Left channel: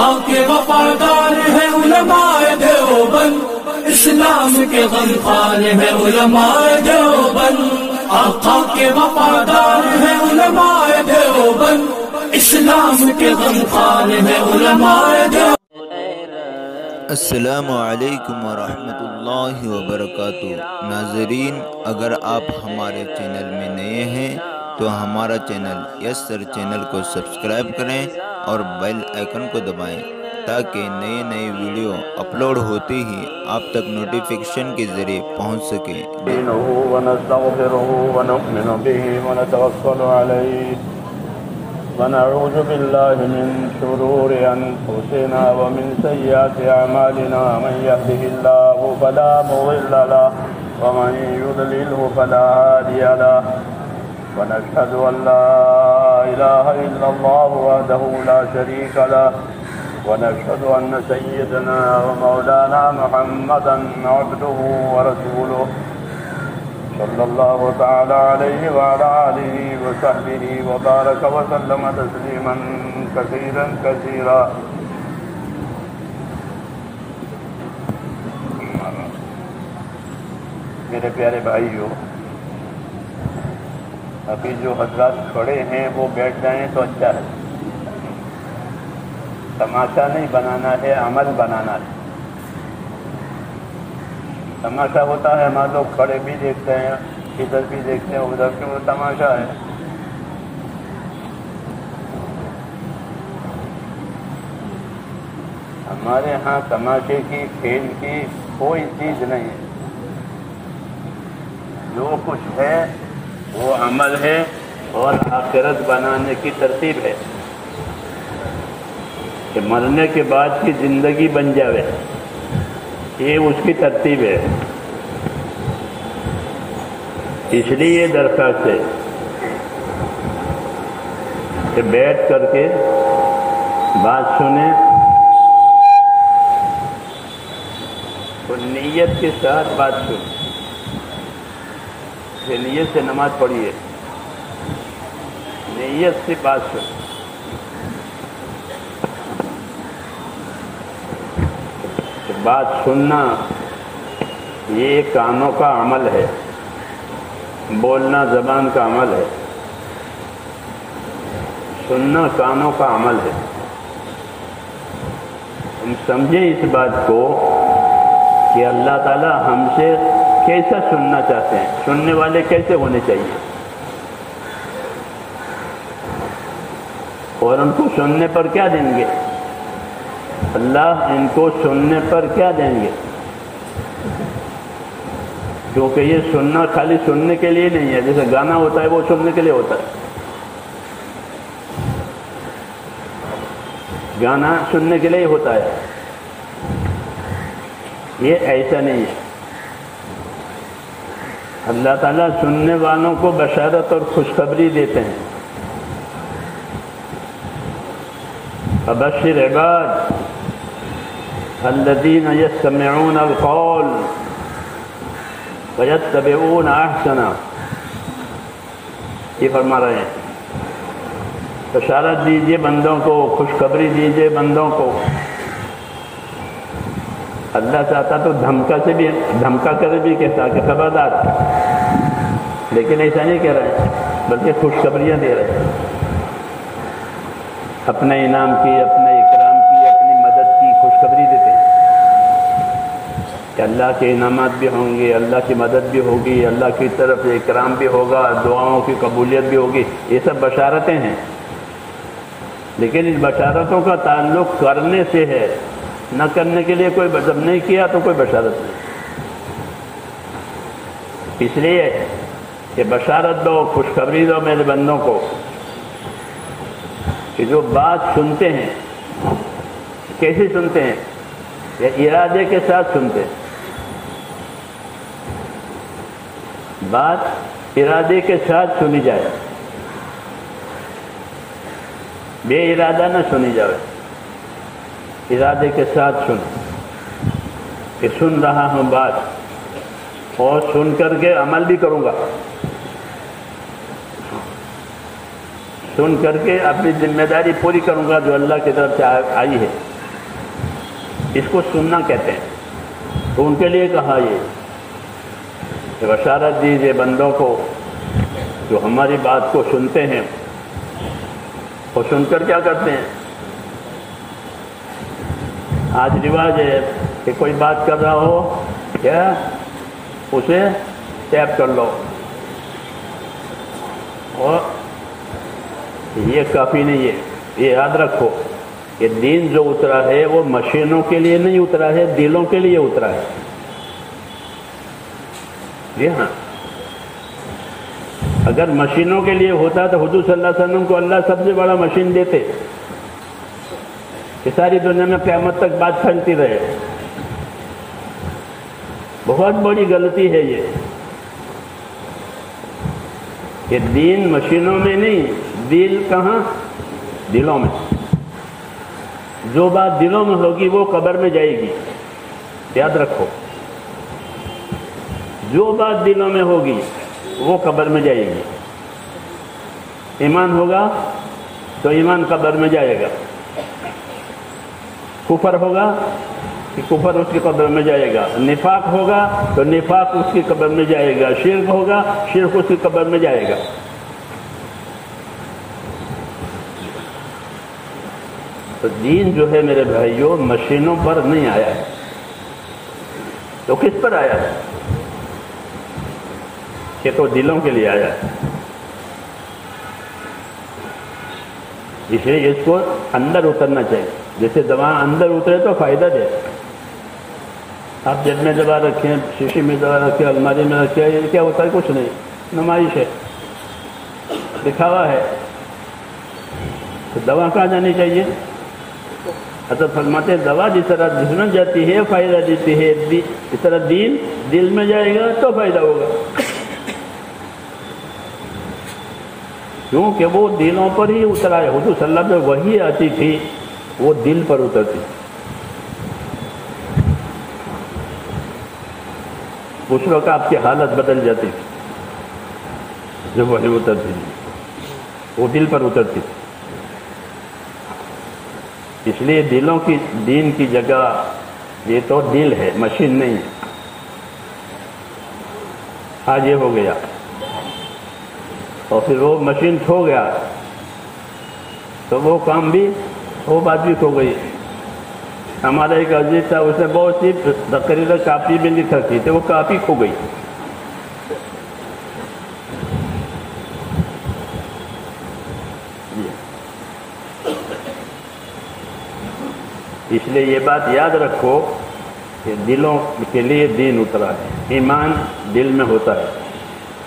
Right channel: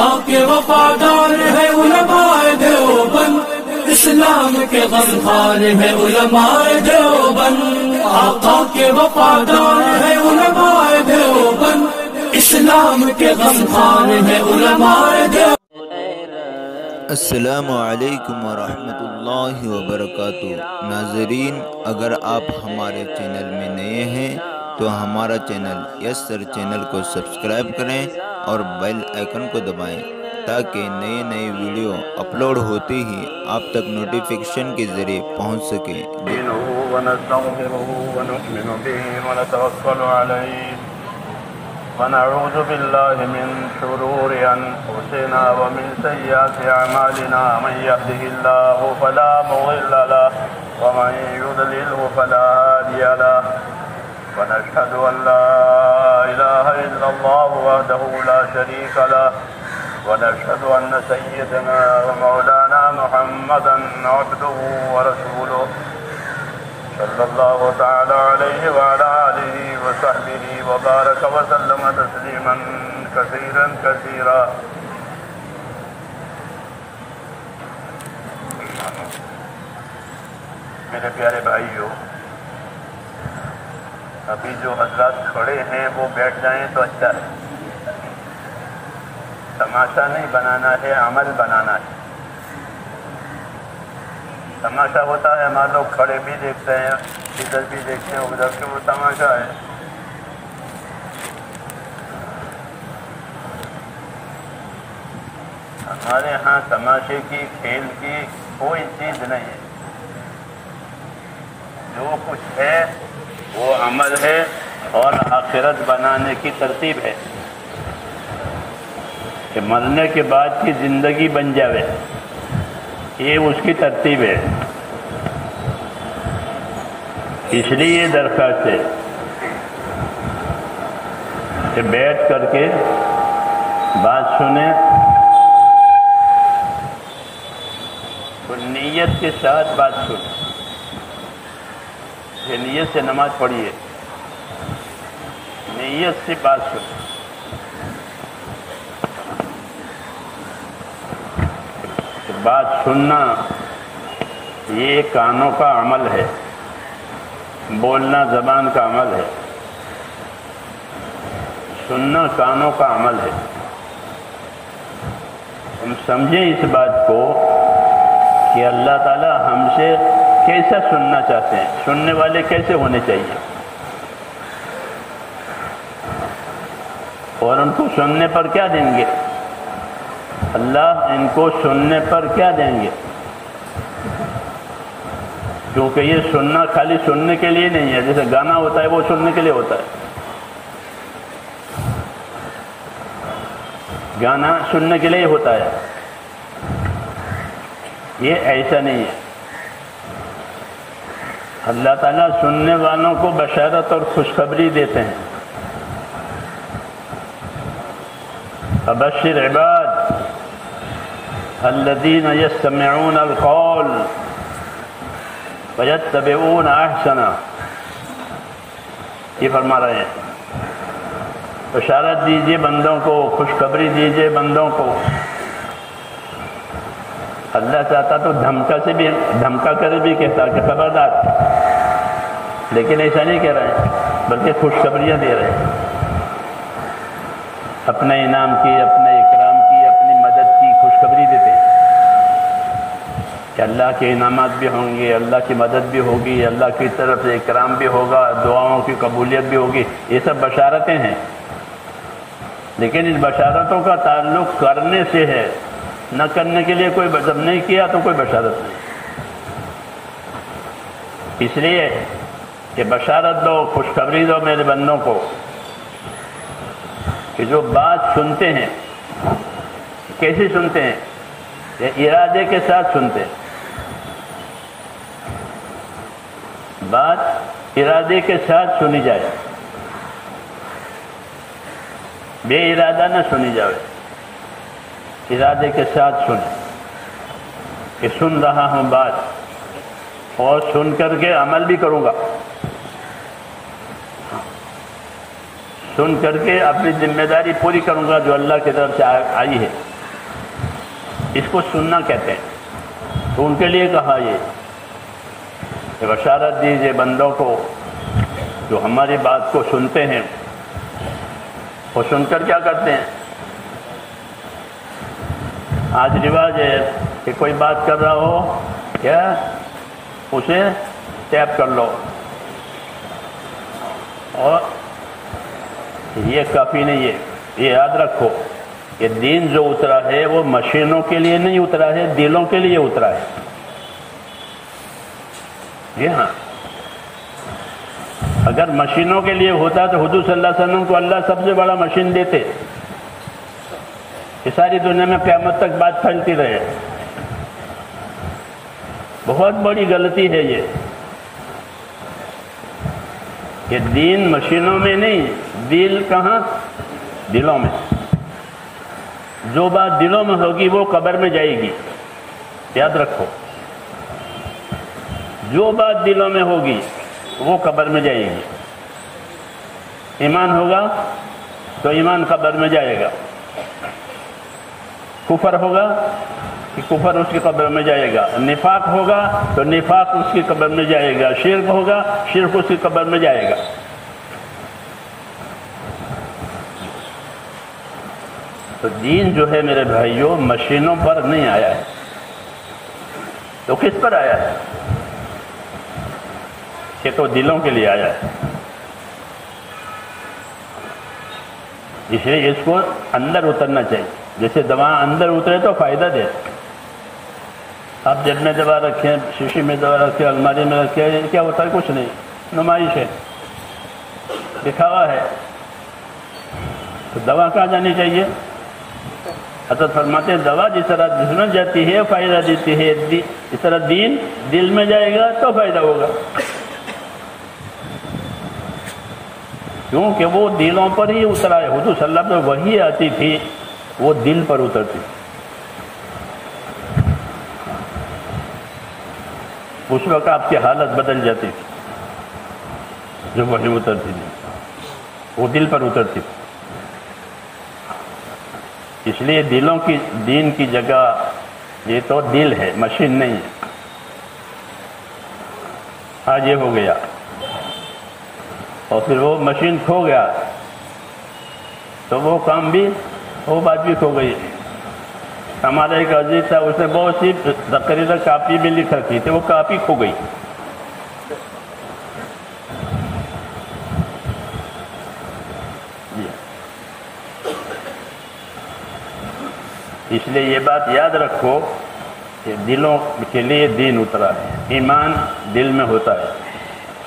آقا کے وفادار ہے علماء دیوبند، اسلام کے غمخوار ہے علماء دیوبند، آقا کے وفادار ہے علماء دیوبند، اسلام کے غمخوار ہے علماء دیوبند۔ السلام علیکم ورحمۃ اللہ وبرکاتہ۔ ناظرین، اگر آپ ہمارے چینل میں نئے ہیں تو ہمارا چینل یس سر چینل کو سبسکرائب کریں اور بیل آئیکن کو دبائیں تاکہ نئے ویڈیو اپلوڈ ہوتے ہی آپ تک نوٹیفیکیشن کے ذریعے پہنچ سکے۔ ونستغفره ونؤمن به ونتوكل عليه ونعوذ بالله من شرور أنفسنا ومن سيئات أعمالنا، من يهده الله فلا مضل له ومن يضلله فلا هادي له، ونشهد أن لا إله إلا الله وحده لا شريك له، ونشهد أن سيدنا ومولانا محمدا عبده ورسوله صلى الله تعالى عليه وعلى آله وصحبه وبارك وسلم تسليما كثيرا كثيرا۔ میرے پیارے بھائیو، ابھی جو حضرات کھڑے ہیں وہ بیٹھ جائیں تو اچھا ہے۔ تماشا نہیں بنانا ہے، عمل بنانا ہے۔ تماشا ہوتا ہے ہمارے لوگ کھڑے بھی دیکھتے ہیں، ادھر بھی دیکھتے ہیں، ادھر بھی، وہ تماشا ہے۔ ہمارے ہاں تماشے کی، کھیل کی کوئی چیز نہیں ہے۔ جو کچھ ہے وہ عمل ہے اور آخرت بنانے کی ترتیب ہے کہ مرنے کے بعد کی زندگی بن جاوے، یہ اس کی ترتیب ہے۔ اس لیے یہ درخواست ہے کہ بیٹھ کر کے بات سنیں تو نیت کے ساتھ بات سنیں، کہ نیت سے نماز پڑھیے، نیت سے بات سنیں۔ بات سننا یہ کانوں کا عمل ہے، بولنا زبان کا عمل ہے، سننا کانوں کا عمل ہے۔ ہم سمجھیں اس بات کو کہ اللہ تعالیٰ ہم سے کیسا سننا چاہتے ہیں، سننے والے کیسے ہونے چاہیے، اور ان کو سننے پر کیا دیں گے، اللہ ان کو سننے پر کیا دیں گے، کیونکہ یہ سننا خالی سننے کے لیے نہیں ہے۔ جیسے گانا ہوتا ہے وہ سننے کے لیے ہوتا ہے، گانا سننے کے لیے ہوتا ہے، یہ ایسا نہیں ہے۔ اللہ تعالیٰ سننے والوں کو بشارت اور خوشخبری دیتے ہیں۔ فبشر عباد الذین یستمعون القول ویتبعون احسنہ، یہ فرما رہے ہیں بشارت دیجئے بندوں کو، خوشخبری دیجئے بندوں کو۔ اللہ چاہتا تو دھمکا کر بھی کہتا کہ خبردار، لیکن ایسا نہیں کہہ رہے ہیں، بلکہ خوشخبریاں دے رہے ہیں، اپنے انعام کی، اپنے اکرام کی، اپنی مدد کی خوشخبری دیتے ہیں کہ اللہ کے انعامات بھی ہوں گے، اللہ کی مدد بھی ہوگی، اللہ کی طرف سے اکرام بھی ہوگا، دعاؤں کی قبولیت بھی ہوگی۔ یہ سب بشارتیں ہیں، لیکن اس بشارتوں کا تعلق کرنے سے ہے، نہ کرنے کے لیے کوئی جب نہیں کیا تو کوئی بشارت نہیں۔ اس لیے کہ بشارت دو، خوشخبری دو میرے بندوں کو کہ جو بات سنتے ہیں، کیسے سنتے ہیں، یا ارادے کے ساتھ سنتے ہیں۔ بات ارادے کے ساتھ سنی جائے، بے ارادہ نہ سنی جائے، ارادے کے ساتھ سن کہ سن رہا ہوں بات، اور سن کر کے عمل بھی کروں گا۔ سن کر کے اپنی ذمہ داری پوری کروں گا جو اللہ کی طرف سے آئی ہے. اس کو سننا کہتے ہیں. تو ان کے لیے کہا یہ کہ بشارت دیجیے بندوں کو جو ہماری بات کو سنتے ہیں اور سن کر کیا کرتے ہیں. آج رواج ہے کہ کوئی بات کر رہا ہو کیا اسے ٹیپ کر لو، اور یہ کافی نہیں ہے. یہ یاد رکھو کہ دین جو اترا ہے وہ مشینوں کے لیے نہیں اترا ہے، دلوں کے لیے اترا ہے. یہ ہاں اگر مشینوں کے لیے ہوتا تو حضور صلی اللہ علیہ وسلم کو اللہ سب سے بڑا مشین دیتے کہ ساری دنیا میں قیامت تک بات پھیلتی رہے. بہت بڑی غلطی ہے یہ کہ دین مشینوں میں نہیں، دل کہاں؟ دلوں میں. جو بات دلوں میں ہوگی وہ قبر میں جائے گی. یاد رکھو جو بات دلوں میں ہوگی وہ قبر میں جائے گی. ایمان ہوگا تو ایمان قبر میں جائے گا، کفر ہوگا کہ کفر اس کی قبر میں جائے گا، نفاق ہوگا تو نفاق اس کی قبر میں جائے گا، شرک ہوگا شرک اس کی قبر میں جائے گا. تو دین جو ہے میرے بھائیوں مشینوں پر نہیں آیا ہے. تو کس پر آیا ہے؟ کہ تو دلوں کے لیے آیا ہے. اس لیے اس کو اندر اترنا چاہیے. جیسے دوا اندر اترے تو فائدہ دے. آپ جیب میں دوا رکھیں، شیشی میں دوا رکھیں، الماری میں رکھیں، کیا ہوتا ہے؟ کچھ نہیں، نمائش ہے، دکھاوا ہے. تو دوا کہاں جانی چاہیے؟ حضرت فرماتے ہیں دوا جس طرح جسم میں جاتی ہے فائدہ دیتی ہے، اس طرح دین دل میں جائے گا تو فائدہ ہوگا. کیونکہ وہ دلوں پر ہی اترا ہے. حضور صلی اللہ علیہ وسلم وہی آتی تھی وہ دل پر اترتی. اس وقت آپ کی حالت بدل جاتی تھی. جو وہی اترتی تھی وہ دل پر اترتی تھی. اس لیے دلوں کی دین کی جگہ یہ تو دل ہے، مشین نہیں ہے. آج یہ ہو گیا اور پھر وہ مشین کھو گیا تو وہ کام بھی، وہ بات بھی کھو گئی. ہمارا ایک عزیز تھا، اس نے بہت سی تقریریں کاپی میں لکھ رکھی تھی، وہ کاپی کھو گئی. اس لیے یہ بات یاد رکھو کہ دلوں کے لیے دین اترا ہے. ایمان دل میں ہوتا ہے،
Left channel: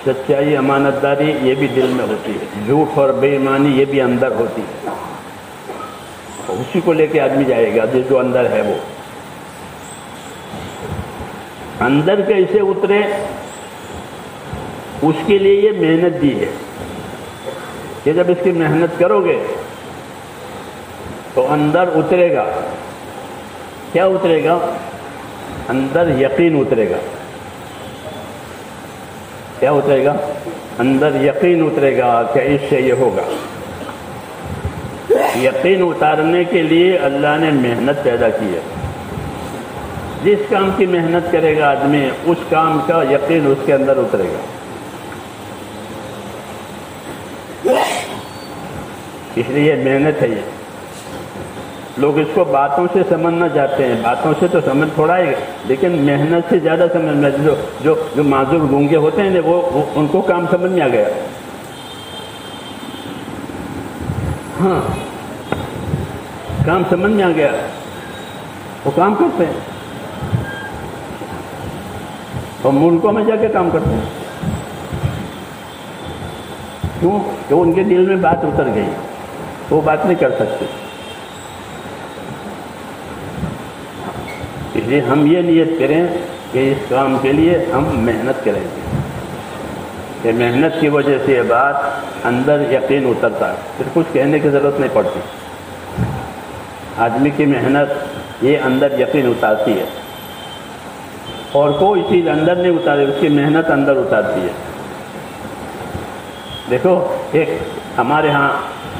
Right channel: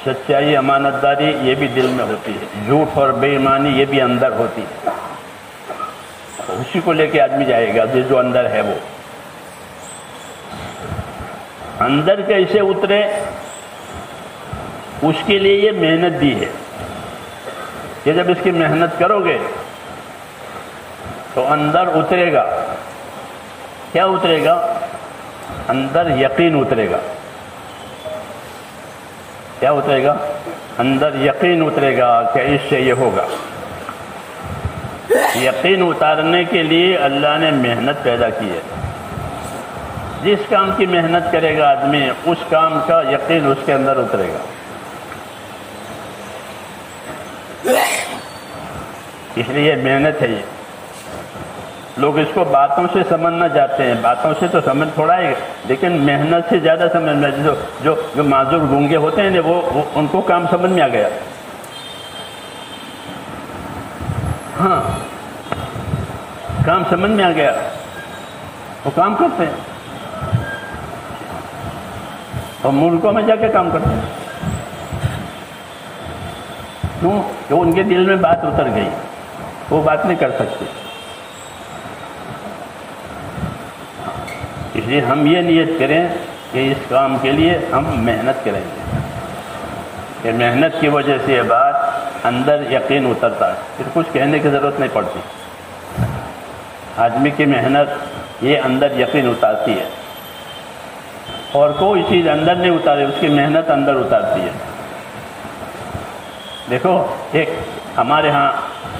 سچائی امانت داری یہ بھی دل میں ہوتی ہے، جھوٹ اور بے ایمانی یہ بھی اندر ہوتی ہے. اسی کو لے کے آدمی جائے گا جو اندر ہے. وہ اندر کیسے اترے اس کے لیے یہ محنت دی ہے کہ جب اس کی محنت کرو گے تو اندر اترے گا. کیا اترے گا؟ اندر یقین اترے گا. کیا اترے گا؟ اندر یقین اترے گا کہ اس سے یہ ہوگا. یقین اتارنے کے لیے اللہ نے محنت پیدا کی ہے. جس کام کی محنت کرے گا آدمی اس کام کا یقین اس کے اندر اترے گا. اس لیے محنت ہے. یہ لوگ اس کو باتوں سے سمجھنا چاہتے ہیں، باتوں سے تو سمجھ تھوڑا ہے لیکن محنت سے زیادہ سمجھنا. جو معذور گونگے ہوتے ہیں وہ ان کو کام سمجھ میں آ گیا. ہاں کام سمجھ میں آ گیا، وہ کام کرتے ہیں اور ملکوں میں جا کے کام کرتے ہیں. کیوں؟ کہ ان کے دل میں بات اتر گئی، وہ بات نہیں کر سکتے. اس لیے ہم یہ نیت کریں کہ اس کام کے لیے ہم محنت کریں گے. کہ محنت کی وجہ سے یہ بات اندر یقین اترتا ہے، پھر کچھ کہنے کی ضرورت نہیں پڑتی. آدمی کی محنت یہ اندر یقین اتارتی ہے، اور کوئی چیز اندر نہیں اتارے، اس کی محنت اندر اتارتی ہے. دیکھو ایک ہمارے ہاں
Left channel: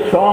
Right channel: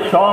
100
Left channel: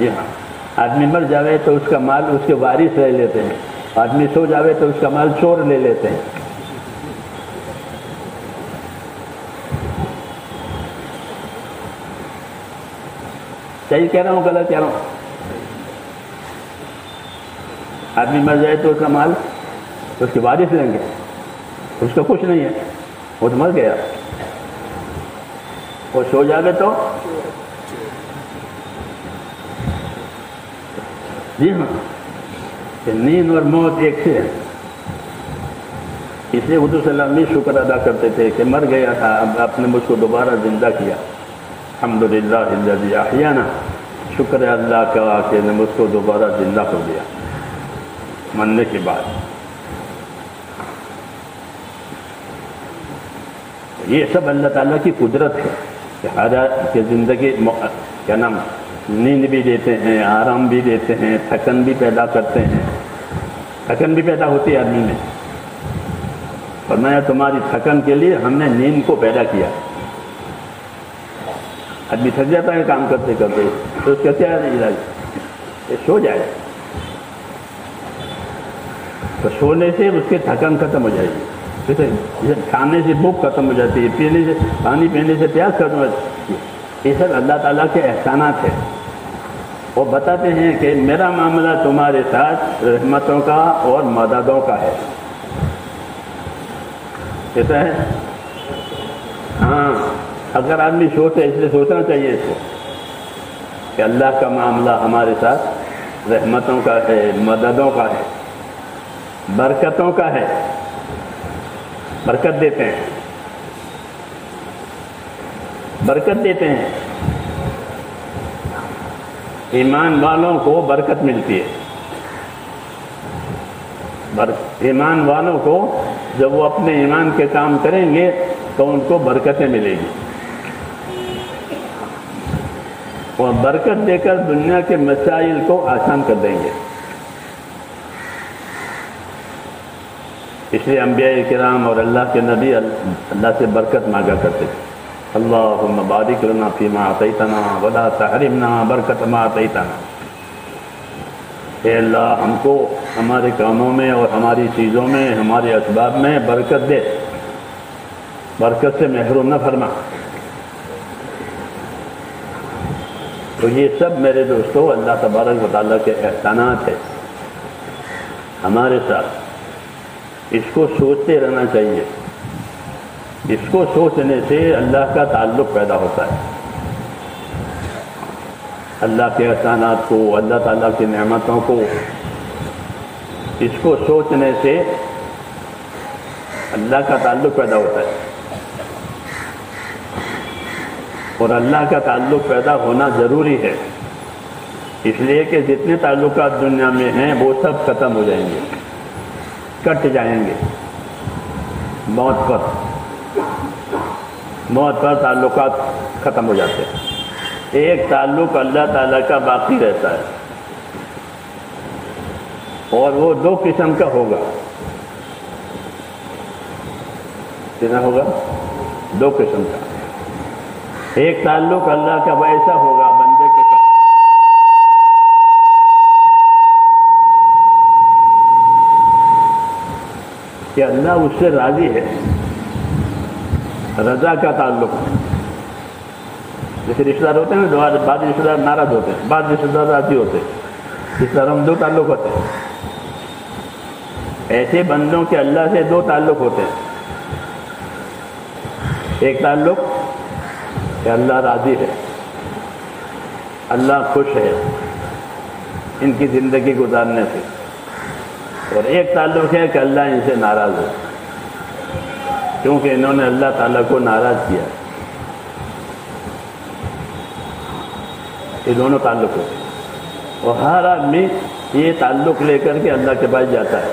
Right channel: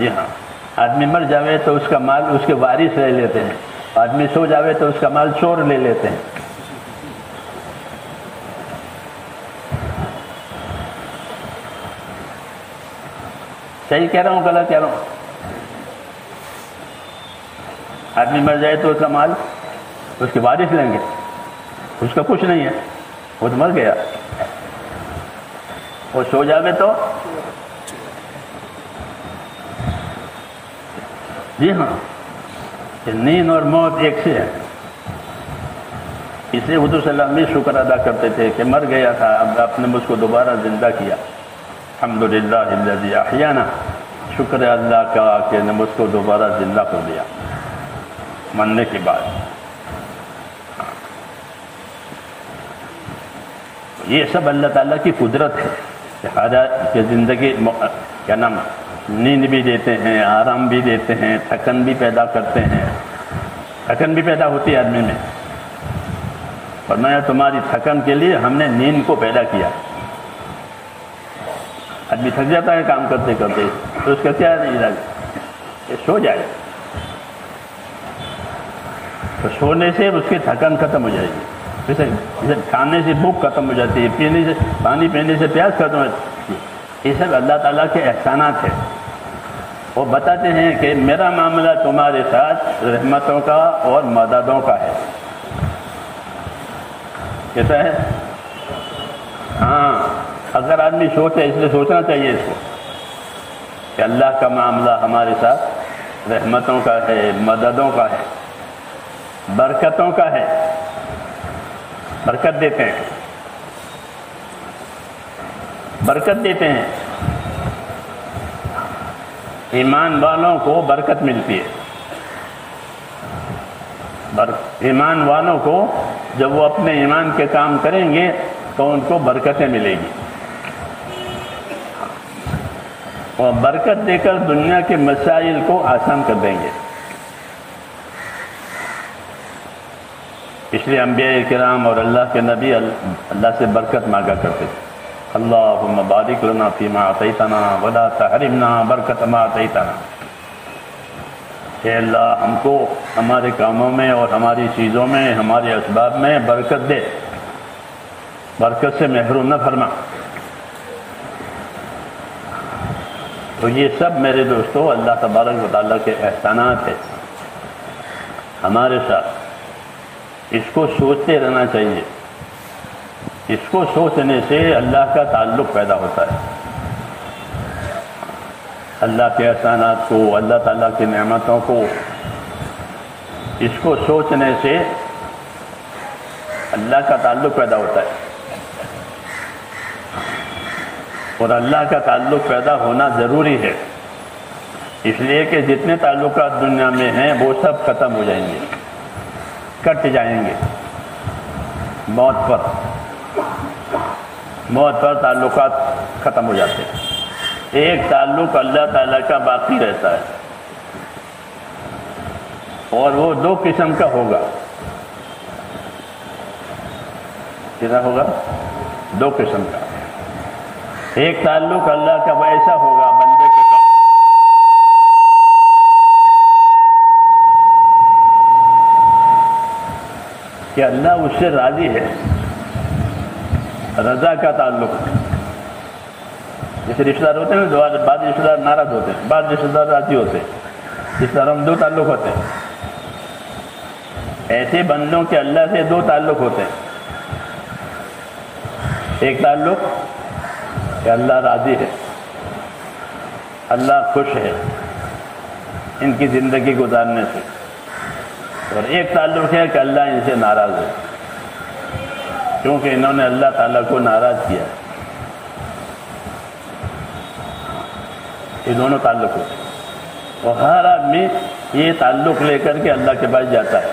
جی ہاں، آدمی مر جاوے تو اس کا مال اس کے وارث لے لیتے ہیں، آدمی سو جاوے تو اس کا مال چور لے لیتے ہیں۔ صحیح کہہ رہا ہوں غلط کہہ رہا ہوں؟ آدمی مر جائے تو اس کا مال اس کے وارث لیں گے، اس کا کچھ نہیں ہے، وہ تو مر گیا۔ وہ سو جاوے تو جی ہاں، کہ نیند اور موت ایک سے ہے، اس لیے حضور صلی اللہ علیہ وسلم شکر ادا کرتے تھے کہ مر گیا تھا، اب آپ نے مجھ کو دوبارہ زندہ کیا، الحمدللہ الذی احیانا، شکر ہے اللہ کا کہ نے مجھ کو دوبارہ زندہ کر دیا مرنے کے بعد۔ یہ سب اللہ تعالیٰ کی قدرت ہے کہ زندگی کیا نام نیند بھی دیتے ہیں، آرام بھی دیتے ہیں، تھکن بھی پیدا کرتے ہیں، تھکن بھی پیدا ہوتی ہے آدمی میں۔ فرمایا تمہاری تھکن کے لیے ہم نے نیند کو پیدا کیا۔ آدمی تھک جاتا ہے کام کرتے کرتے، تو اس کا کیا علاج؟ کہ سو جائے، تو سونے سے اس کی تھکن ختم ہو جائے گی، جیسے کھانے سے بھوک ختم ہو جاتی ہے، پینے سے پانی پینے سے پیاس ختم ہو جاتی ہے۔ یہ سب اللہ تعالیٰ کے احسانات ہیں۔ وہ بتاتے ہیں کہ میرا معاملہ تمہارے ساتھ رحمتوں کا اور مددوں کا ہے۔ کہتا ہے ہاں، اگر آدمی سوچے، اس لیے سوچنا چاہیے اس کو کہ اللہ کا معاملہ ہمارے ساتھ رحمتوں کا ہے، مددوں کا ہے، برکتوں کا ہے، برکت دیتے ہیں، برکت دیتے ہیں۔ ایمان والوں کو برکت ملتی ہے، ایمان والوں کو جب وہ اپنے ایمان کے کام کریں گے تو ان کو برکتیں ملیں گی، وہ برکت دے کر دنیا کے مسائل کو آسان کر دیں گے۔ اس لیے انبیاء کرام اور اللہ کے نبی اللہ سے برکت مانگا کرتے تھے۔ اللہم بارک لنا فیما اعطیتنا ولا تحرمنا برکت ما اعطیتنا، کہ اللہ ہم کو ہمارے کاموں میں اور ہماری چیزوں میں، ہمارے اسباب میں برکت دے، برکت سے محروم نہ فرما۔ تو یہ سب میرے دوستو اللہ تبارک و تعالیٰ کے احسانات ہیں ہمارے ساتھ۔ اس کو سوچتے رہنا چاہیے، اس کو سوچنے سے اللہ کا تعلق پیدا ہوتا ہے، اللہ کے احسانات کو، اللہ تعالیٰ کی نعمتوں کو، اس کو سوچنے سے اللہ کا تعلق پیدا ہوتا ہے۔ اور اللہ کا تعلق پیدا ہونا ضروری ہے، اس لیے کہ جتنے تعلقات دنیا میں ہیں وہ سب ختم ہو جائیں گے، کٹ جائیں گے موت پر تعلقات ختم ہو جاتے ہیں۔ ایک تعلق اللہ تعالیٰ کا باقی رہتا ہے، اور وہ دو قسم کا ہوگا۔ کتنا ہوگا؟ دو قسم کا۔ ایک تعلق اللہ کا ویسا ہوگا بندے کے ساتھ کہ اللہ اس سے راضی ہے، رضا کا تعلق۔ جیسے رشتہ دار ہوتے ہیں نا، بعض رشتہ دار ناراض ہوتے ہیں، بعض رشتہ دار راضی ہوتے ہیں، اس طرح ہم دو تعلق ہوتے ہیں۔ ایسے بندوں کے اللہ سے دو تعلق ہوتے ہیں۔ ایک تعلق کہ اللہ راضی ہے، اللہ خوش ہے ان کی زندگی گزارنے سے، اور ایک تعلق ہے کہ اللہ ان سے ناراض ہے کیونکہ انہوں نے اللہ تعالیٰ کو ناراض کیا۔ یہ دونوں تعلق ہوتے ہیں، اور ہر آدمی یہ تعلق لے کر کے اللہ کے پاس جاتا ہے۔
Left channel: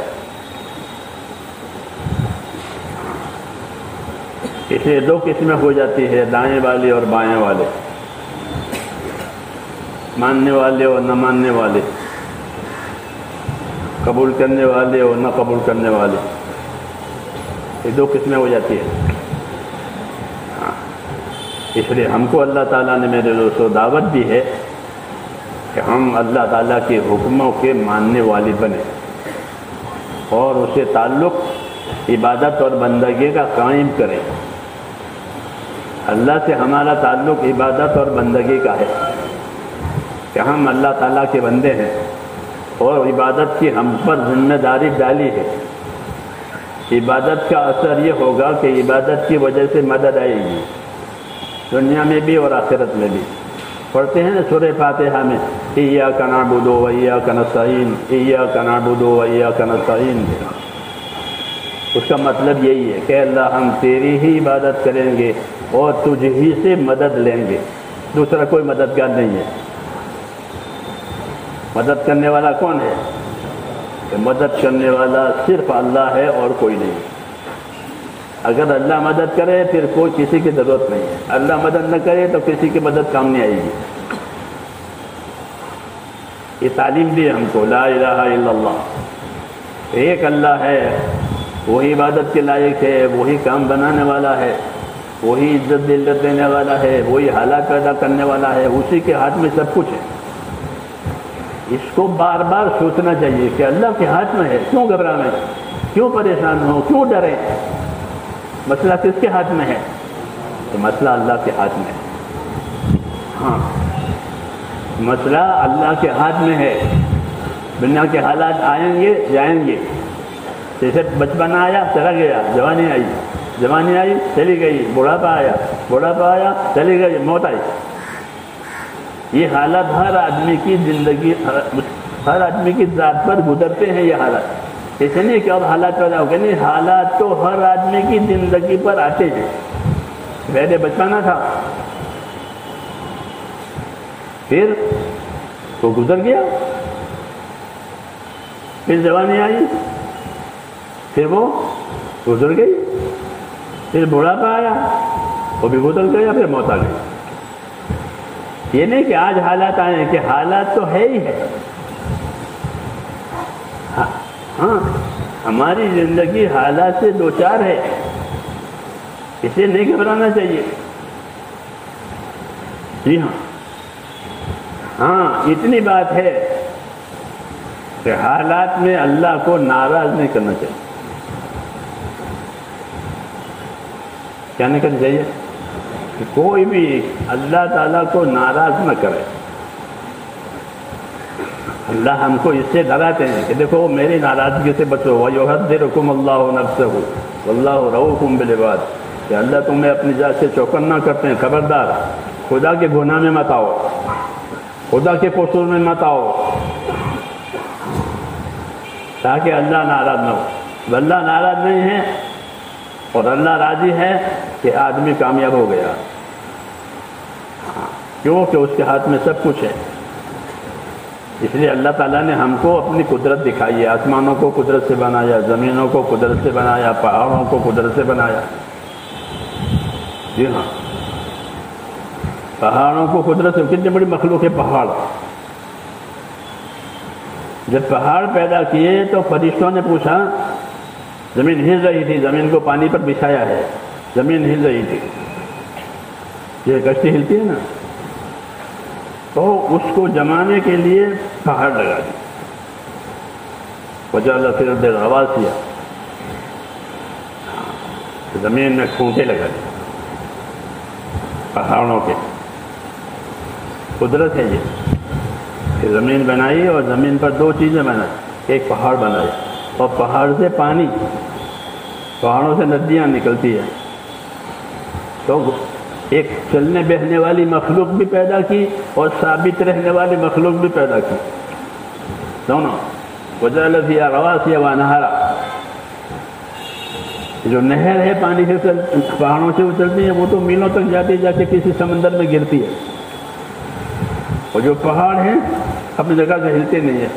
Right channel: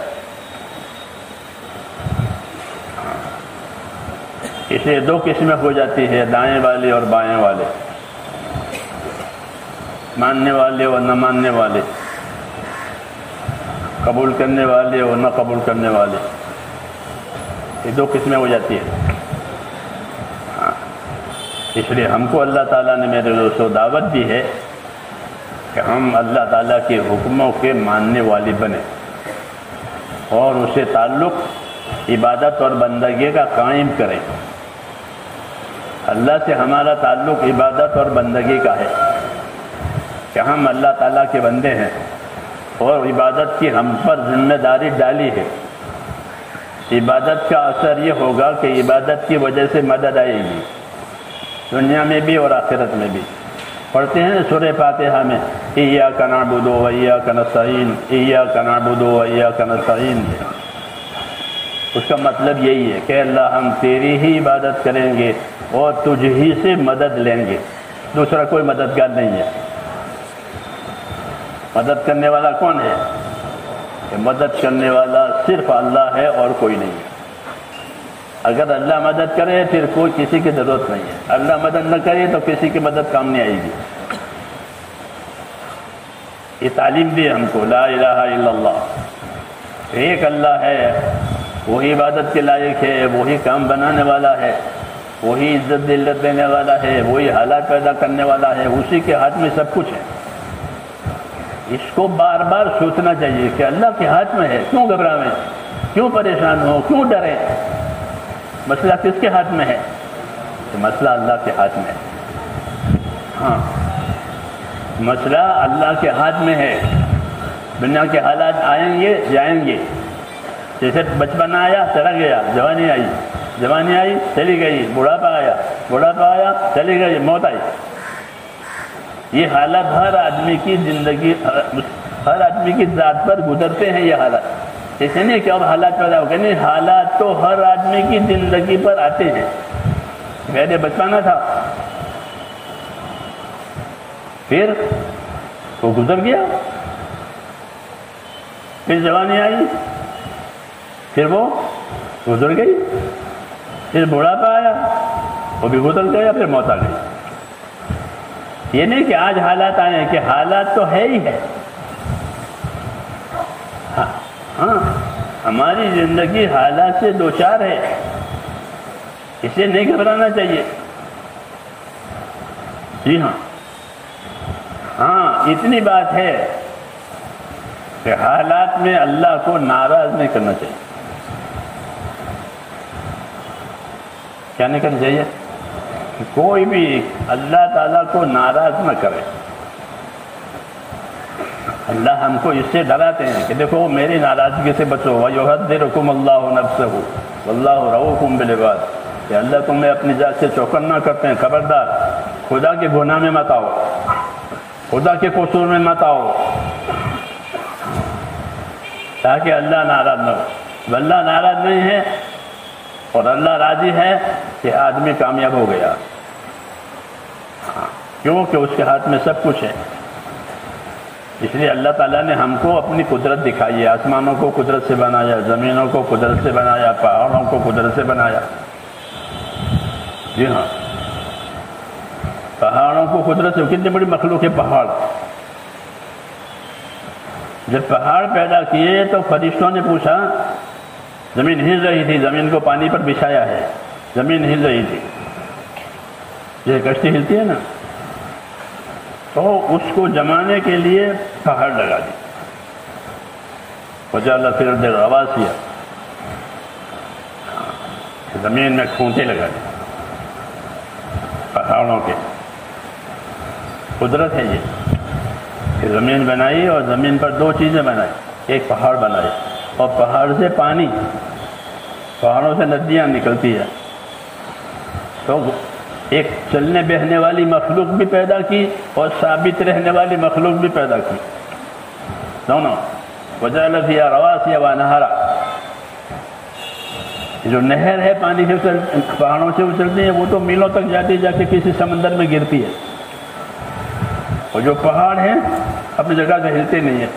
اسے دو قسمیں ہو جاتی ہے، دائیں والے اور بائیں والے، ماننے والے اور نہ ماننے والے، قبول کرنے والے اور نہ قبول کرنے والے، یہ دو قسمیں ہو جاتی ہے۔ اس لیے ہم کو اللہ تعالیٰ نے میرے دوستوں دعوت دی ہے کہ ہم اللہ تعالیٰ کے حکموں کے ماننے والے بنیں اور اسے تعلق عبادت اور بندگی کا قائم کریں۔ اللہ سے ہمارا تعلق عبادت اور بندگی کا ہے کہ ہم اللہ تعالیٰ کے بندے ہیں اور عبادت کی ہم پر ذمہ داری ڈالی ہے۔ عبادت کا اثر یہ ہوگا کہ عبادت کی وجہ سے مدد آئے گی، دنیا میں بھی اور آخرت میں بھی۔ پڑھتے ہیں سورہ فاتحہ میں ایاک نعبد و ایاک نستعین، ایاک نعبد و ایاک نستعین، اس کا مطلب یہی ہے کہ اللہ ہم تیری ہی عبادت کریں گے اور تجھ ہی سے مدد لیں گے، دوسرا کوئی مددگار نہیں ہے۔ مدد کرنے والا کون ہے؟ کہ مدد کرنے والا صرف اللہ ہے اور کوئی نہیں۔ اگر اللہ مدد کرے پھر کوئی کسی کی ضرورت نہیں ہے، اللہ مدد نہ کرے تو کسی کی مدد کام نہیں آئے گی۔ یہ تعلیم دی ہم کو، لا الہ الا اللہ، ایک اللہ ہے، وہی عبادت کے لائق ہے، وہی کام بنانے والا ہے، وہی عزت ذلت دینے والا ہے، وہی حالات پیدا کرنے والا ہے، اسی کے ہاتھ میں سب کچھ ہے۔ اس کو بار بار سوچنا چاہیے کہ اللہ کے ہاتھ میں ہے، کیوں گھبرائیں، کیوں پریشان ہو، کیوں ڈریں؟ مسئلہ کس کے ہاتھ میں ہے؟ تو مسئلہ اللہ کے ہاتھ میں ہے۔ ہاں، مسئلہ اللہ کے ہاتھ میں ہے۔ دنیا کے حالات آئیں گے جائیں گے، جیسے بچپن آیا چلا گیا، جوانی آئی، جوانی آئی چلی گئی، بڑھاپا آیا، بڑھاپا آیا چلی گئی، موت آئی۔ یہ حالات ہر آدمی کی زندگی، ہر آدمی کی ذات پر گزرتے ہیں۔ یہ حالات ایسے نہیں کہ اور حالات پیدا ہو گئے، نہیں، حالات تو ہر آدمی کی زندگی پر آتے ہیں۔ پہلے بچپنا تھا، پھر وہ گزر گیا، پھر جوانی آئی، پھر وہ گزر گئی، پھر بڑھاپا آیا، وہ بھی گزر گیا، پھر موت آ گئی۔ یہ نہیں کہ آج حالات آئے ہیں، کہ حالات تو ہے ہی ہے۔ ہاں، ہماری زندگی حالات سے دوچار ہے، اسے نہیں گھبرانا چاہیے۔ جی ہاں، ہاں، اتنی بات ہے کہ حالات میں اللہ کو ناراض نہیں کرنا چاہیے۔ کیا نہیں کرنا چاہیے؟ کہ کوئی بھی اللہ تعالیٰ کو ناراض نہ کرے۔ اللہ ہم کو اس سے ڈراتے ہیں کہ دیکھو میری ناراضگی سے بچو، وَيُحَذِّرُكُمُ اللَّهُ نَفْسَهُ وَاللَّهُ رَءُوفٌ بِالْعِبَادِ، کہ اللہ تمہیں اپنی ذات سے چوکنا کرتے ہیں، خبردار خدا کے گناہ میں مت آؤ، خدا کے قصور میں مت آؤ، تاکہ اللہ ناراض نہ ہو۔ اللہ ناراض نہیں ہے اور اللہ راضی ہے کہ آدمی کامیاب ہو گیا، کیوں کہ اس کے ہاتھ میں سب کچھ ہے۔ اس لیے اللہ تعالیٰ نے ہم کو اپنی قدرت دکھائی ہے، آسمانوں کو قدرت سے بنایا، زمینوں کو قدرت سے بنایا، پہاڑوں کو قدرت سے بنایا۔ جی ہاں، پہاڑوں کو قدرت سے، کتنی بڑی مخلوق ہے پہاڑ۔ جب پہاڑ پیدا کیے تو فرشتوں نے پوچھا، زمین ہل رہی تھی، زمین کو پانی پر بچھایا ہے، زمین ہل رہی تھی، یہ کشتی ہلتی ہے نا، تو اس کو جمانے کے لیے پہاڑ لگا دی، وجعل فی الارض رواسیا، زمین میں کھونٹے لگا دی پہاڑوں کے۔ قدرت ہے یہ کہ زمین بنائی اور زمین پر دو چیزیں بنائی، ایک پہاڑ بنائے اور پہاڑ سے پانی، پہاڑوں سے ندیاں نکلتی ہے، تو ایک چلنے بہنے والی مخلوق بھی پیدا کی اور ثابت رہنے والی مخلوق بھی پیدا کی، دونوں۔ وجعل فیہا رواسیہ وانہارا، جو نہر ہے پانی سے پہاڑوں سے اترتی ہے، وہ تو میلوں تک جاتے جا کے کسی سمندر میں گرتی ہے، اور جو پہاڑ ہیں اپنی جگہ سے ہلتے نہیں ہیں۔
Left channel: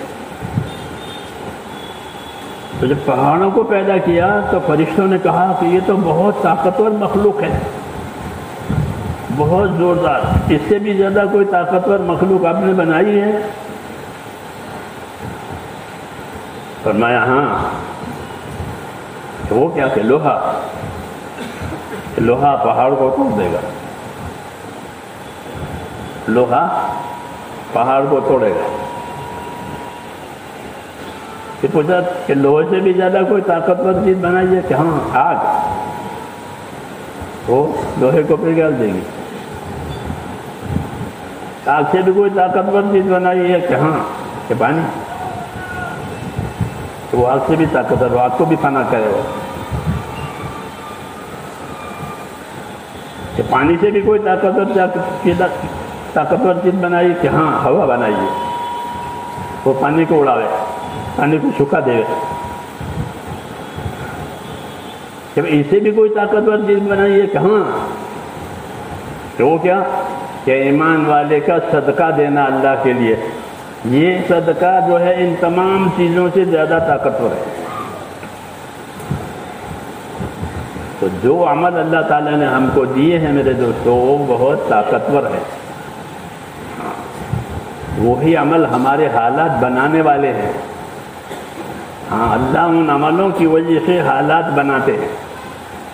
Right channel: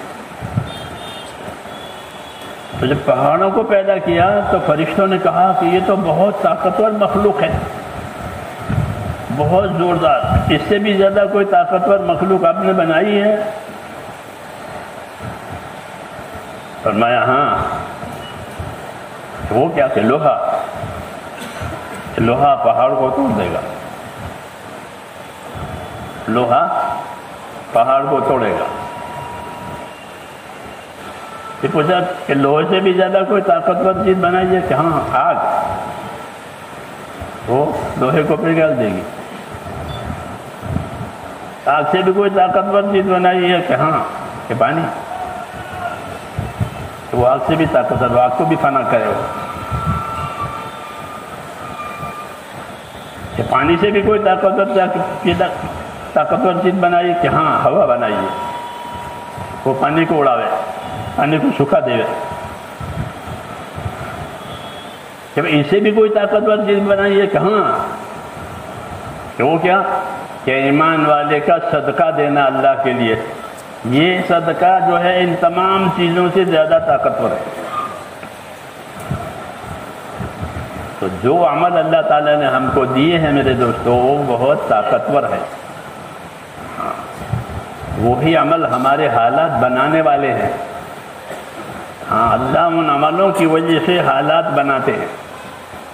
تو جب پہاڑوں کو پیدا کیا تو فرشتوں نے کہا کہ یہ تو بہت طاقتور مخلوق ہے، بہت زوردار، اس سے بھی زیادہ کوئی طاقتور مخلوق آپ نے بنائی ہے؟ فرمایا ہاں۔ تو وہ کیا کہ لوہا، لوہا پہاڑ کو توڑ دے گا، لوہا پہاڑ کو توڑے گا۔ پھر پوچھا کہ لوہے سے بھی زیادہ کوئی طاقتور چیز بنائی ہے کہ ہاں آگ، وہ لوہے کو پگھل دے گی۔ آگ سے بھی کوئی طاقتور چیز بنائی ہے کہ ہاں کہ پانی، تو وہ آگ سے بھی طاقتور، آگ کو بھی فنا کرے گا۔ کہ پانی سے بھی کوئی طاقتور چیز بنائی کہ ہاں ہوا بنائی ہے، وہ پانی کو اڑاوے، پانی کو سکھا دے۔ جب اسے بھی کوئی طاقتور چیز بنائی ہے کہ ہاں کہ وہ کیا کہ ایمان والے کا صدقہ دینا اللہ کے لیے، یہ صدقہ جو ہے ان تمام چیزوں سے زیادہ طاقتور ہے۔ تو جو عمل اللہ تعالیٰ نے ہم کو دیے ہیں میرے دوستو وہ بہت طاقتور ہے۔ وہی عمل ہمارے حالات بنانے والے ہیں۔ ہاں، اللہ ان عملوں کی وجہ سے حالات بناتے ہیں،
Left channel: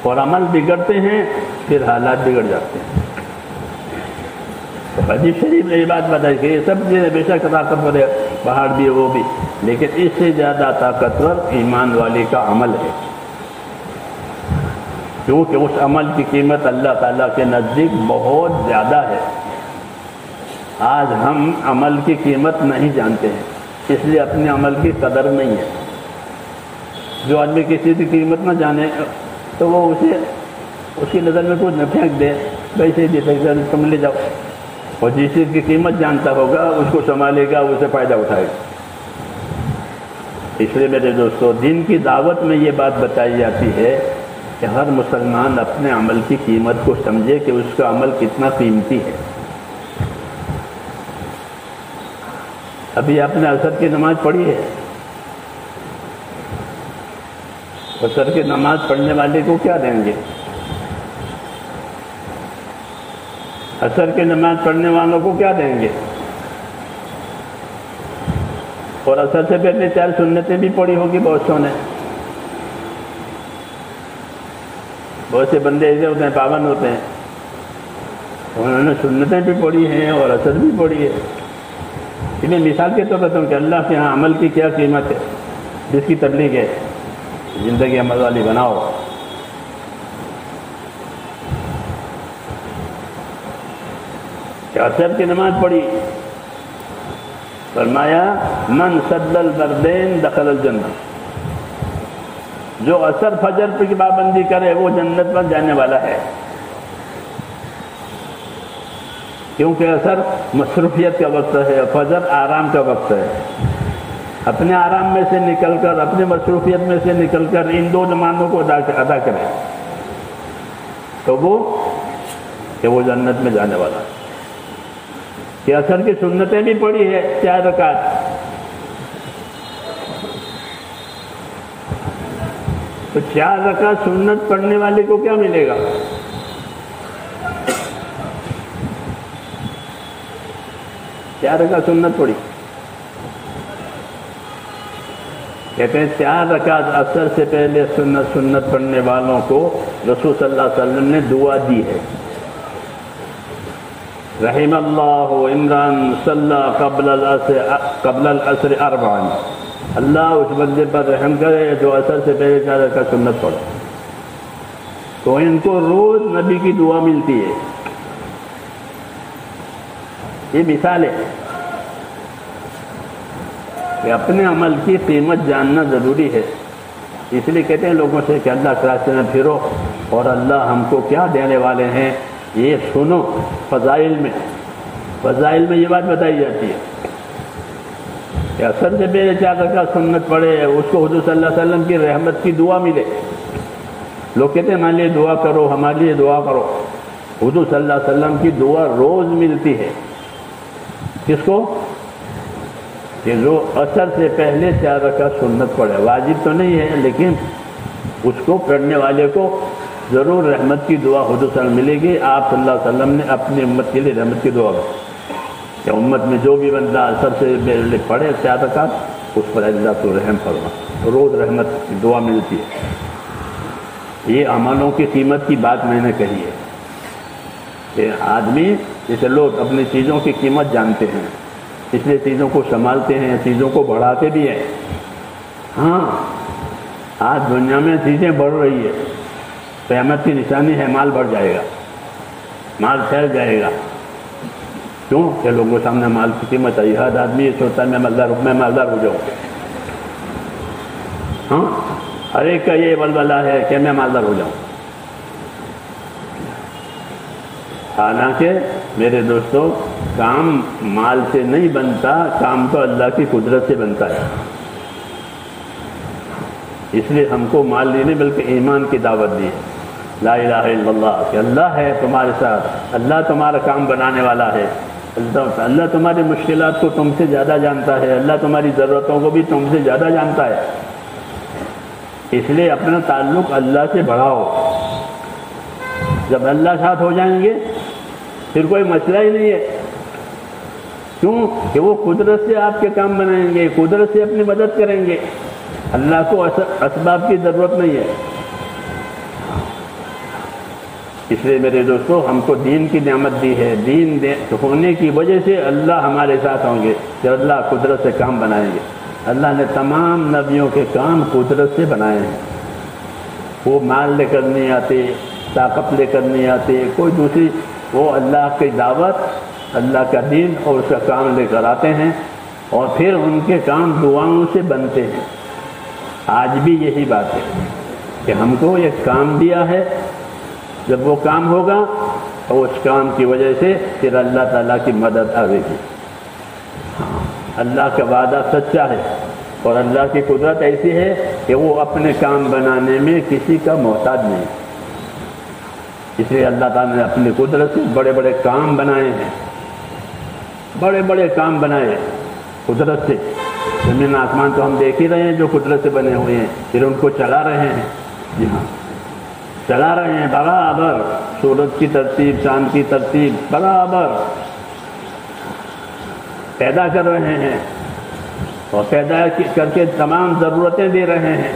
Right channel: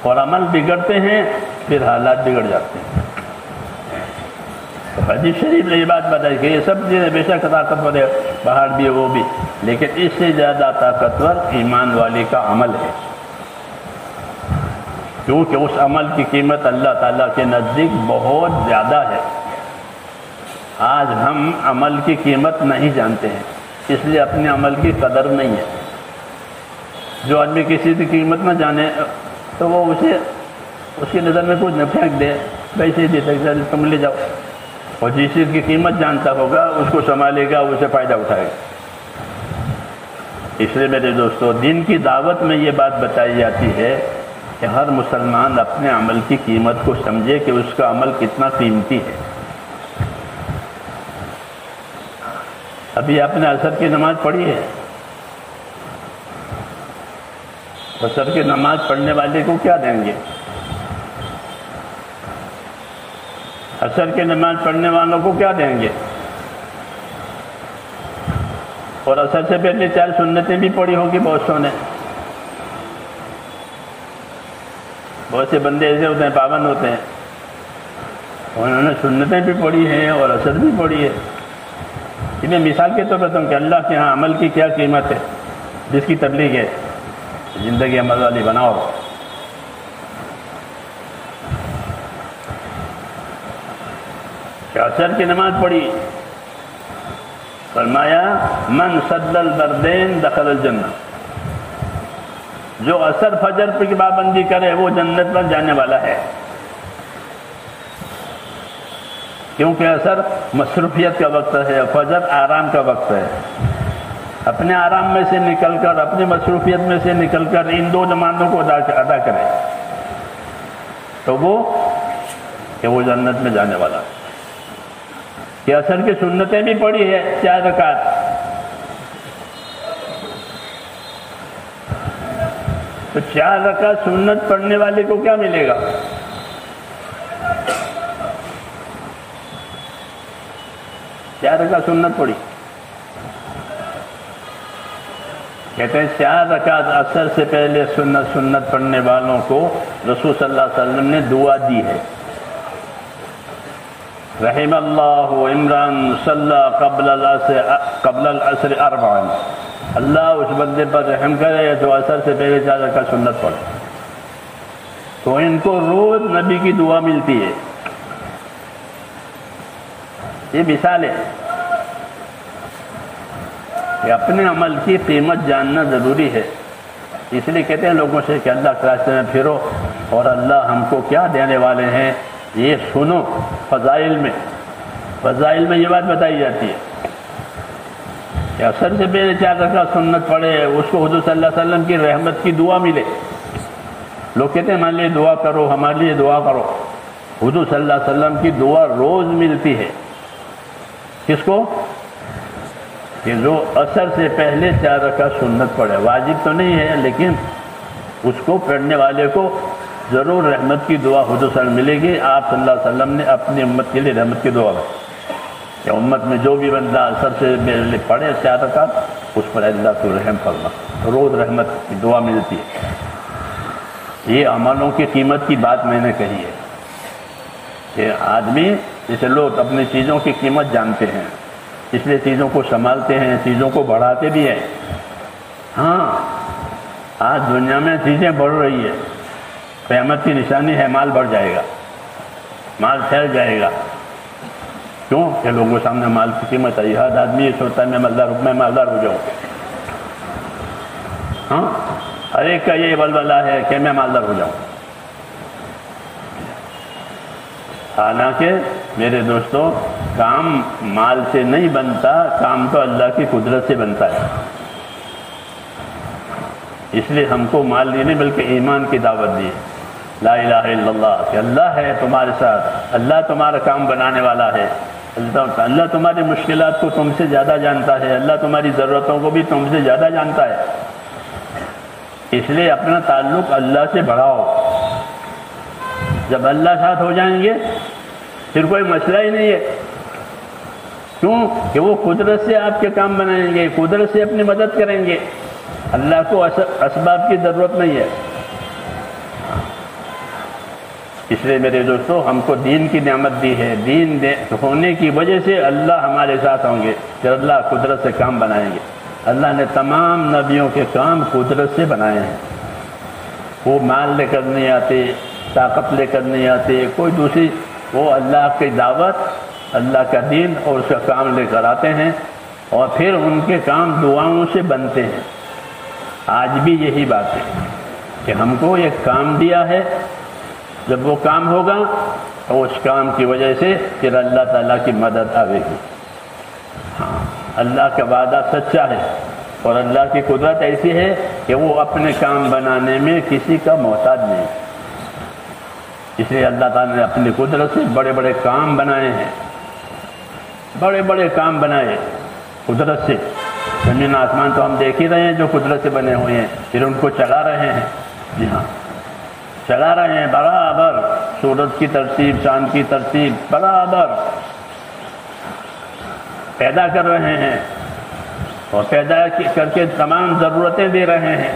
اور عمل بگڑتے ہیں پھر حالات بگڑ جاتے ہیں۔ تو حدیث شریف نے یہ بات بتائی کہ یہ سب چیزیں بے شک طاقتور ہے، پہاڑ بھی وہ بھی، لیکن اس سے زیادہ طاقتور ایمان والے کا عمل ہے، کیونکہ اس عمل کی قیمت اللہ تعالیٰ کے نزدیک بہت زیادہ ہے۔ آج ہم عمل کی قیمت نہیں جانتے ہیں، اس لیے اپنے عمل کی قدر نہیں ہے۔ جو آدمی کسی کی قیمت نہ جانے تو وہ اس کی نظر میں کچھ نہ پھینک دے، ویسے ہی دے سکتا ہے، تم لے جاؤ۔ اور جس چیز کی قیمت جانتا ہوگا اس کو سنبھالے گا، اسے فائدہ اٹھائے گا۔ اس لیے میرے دوستو دین کی دعوت میں یہ بات بتائی جاتی ہے کہ ہر مسلمان اپنے عمل کی قیمت کو سمجھے کہ اس کا عمل کتنا قیمتی ہے۔ ابھی آپ نے عصر کی نماز پڑھی ہے، عصر کی نماز پڑھنے والے کو کیا دیں گے؟ عصر کی نماز پڑھنے والوں کو کیا دیں گے؟ اور عصر سے پہلے 4 سنتیں بھی پڑھی ہوں گی بہت سو نے۔ بہت سے بندے ایسے ہوتے ہیں پابند ہوتے ہیں، انہوں نے سنتیں بھی پڑھی ہیں اور عصر بھی پڑھی ہے۔ انہیں مثال کے طور پر تم کہ اللہ کے ہاں عمل کی کیا قیمت ہے، جس کی تبلیغ ہے زندگی عمل والی بناؤ۔ عصر کی نماز پڑھی، فرمایا من صد البردین دخل الجنہ، جو عصر فجر کی پابندی کرے وہ جنت میں جانے والا ہے۔ کیونکہ عصر مصروفیت کا وقت ہے، فجر آرام کا وقت ہے۔ اپنے آرام میں سے نکل کر، اپنے مصروفیت میں سے نکل کر ان 2 نمازوں کو ادا کرے تو وہ جنت میں جانے والا ہے۔ کہ عصر کی سنتیں بھی پڑھی ہے 4 رکعت، تو 4 رکعت سنت پڑھنے والے کو کیا ملے گا؟ چار رکعت سنت پڑھی، کہتے ہیں 4 رکعت عصر سے پہلے سنت پڑھنے والوں کو رسول صلی اللہ علیہ وسلم نے دعا دی ہے، رحم اللہ عمران صلی قبل العصر 4، اللہ اس بندے پر رحم کرے جو عصر سے پہلے 4 رکعت سنت پڑھے، تو ان کو روز نبی کی دعا ملتی ہے۔ یہ مثال ہے کہ اپنے عمل کی قیمت جاننا ضروری ہے۔ اس لیے کہتے ہیں لوگوں سے کہ اللہ کے راستے میں پھرو اور اللہ ہم کو کیا دینے والے ہیں یہ سنو۔ فضائل میں یہ بات بتائی جاتی ہے کہ عصر سے پہلے 4 رکعت سنت پڑھے اس کو حضور صلی اللہ علیہ وسلم کی رحمت کی دعا ملے۔ لوگ کہتے ہیں ہمارے لیے دعا کرو، ہمارے لیے دعا کرو، حضور صلی اللہ علیہ وسلم کی دعا روز ملتی ہے۔ کس کو؟ کہ جو عصر سے پہلے 4 رکعت سنت پڑھے، واجب تو نہیں ہے لیکن اس کو پڑھنے والے کو ضرور رحمت کی دعا حضور صلی اللہ علیہ وسلم ملے گی۔ آپ صلی اللہ علیہ وسلم نے اپنی امت کے لیے رحمت کی دعا کی کہ امت میں جو بھی بندہ عصر سے پہلے پڑھے 4 رکعت، اس پر اللہ تو رحم فرما، روز رحمت کی دعا ملتی ہے۔ یہ امانوں کی قیمت کی بات میں نے کہی ہے کہ آدمی جیسے لوگ اپنی چیزوں کی قیمت جانتے ہیں، اس لیے چیزوں کو سنبھالتے ہیں، چیزوں کو بڑھاتے بھی ہیں۔ ہاں آج دنیا میں چیزیں بڑھ رہی ہے، قیامت کی نشانی ہے، مال بڑھ جائے گا، مال پھیل جائے گا۔ کیوں کہ لوگوں کے سامنے مال کی قیمت ہے۔ ہر آدمی یہ سوچتا ہے میں مالدار ہو جاؤں۔ ہاں ہر ایک کا یہ ولولہ ہے کہ میں مالدار ہو جاؤں۔ حالانکہ میرے دوستو، کام مال سے نہیں بنتا، کام تو اللہ کی قدرت سے بنتا ہے۔ اس لیے ہم کو مال نہیں بلکہ ایمان کی دعوت دی، لا الہ الا اللہ، کہ اللہ ہے تمہارے ساتھ، اللہ تمہارا کام بنانے والا ہے، اللہ تمہاری مشکلات کو تم سے زیادہ جانتا ہے، اللہ تمہاری ضرورتوں کو بھی تم سے زیادہ جانتا ہے۔ اس لیے اپنا تعلق اللہ سے بڑھاؤ۔ جب اللہ ساتھ ہو جائیں گے پھر کوئی مسئلہ ہی نہیں ہے۔ کیوں کہ وہ قدرت سے آپ کے کام بنائیں گے، قدرت سے اپنی مدد کریں گے، اللہ کو اسباب کی ضرورت نہیں ہے۔ اس لیے میرے دوستو، ہم کو دین کی نعمت دی ہے، دین ہونے کی وجہ سے اللہ ہمارے ساتھ ہوں گے، پھر اللہ قدرت سے کام بنائیں گے۔ اللہ نے تمام نبیوں کے کام قدرت سے بنائے ہیں۔ وہ مال لے کر نہیں آتے، طاقت لے کر نہیں آتے، کوئی دوسری، وہ اللہ کی دعوت، اللہ کا دین اور اس کا کام لے کر آتے ہیں، اور پھر ان کے کام دعاؤں سے بنتے ہیں۔ آج بھی یہی بات ہے کہ ہم کو ایک کام دیا ہے، جب وہ کام ہوگا تو اس کام کی وجہ سے پھر اللہ تعالیٰ کی مدد آئے گی۔ ہاں اللہ کا وعدہ سچا ہے، اور اللہ کی قدرت ایسی ہے کہ وہ اپنے کام بنانے میں کسی کا محتاج نہیں۔ اس لیے اللہ تعالیٰ نے اپنی قدرت سے بڑے بڑے کام بنائے ہیں، بڑے بڑے کام بنائے قدرت سے۔ زمین آسمان تو ہم دیکھ ہی رہے ہیں جو قدرت سے بنے ہوئے ہیں، پھر ان کو چلا رہے ہیں۔ جی ہاں، چلا رہے ہیں برابر، سورج کی ترتیب، چاند کی ترتیب برابر پیدا کر رہے ہیں، اور پیدا کر کے تمام ضرورتیں دے رہے ہیں،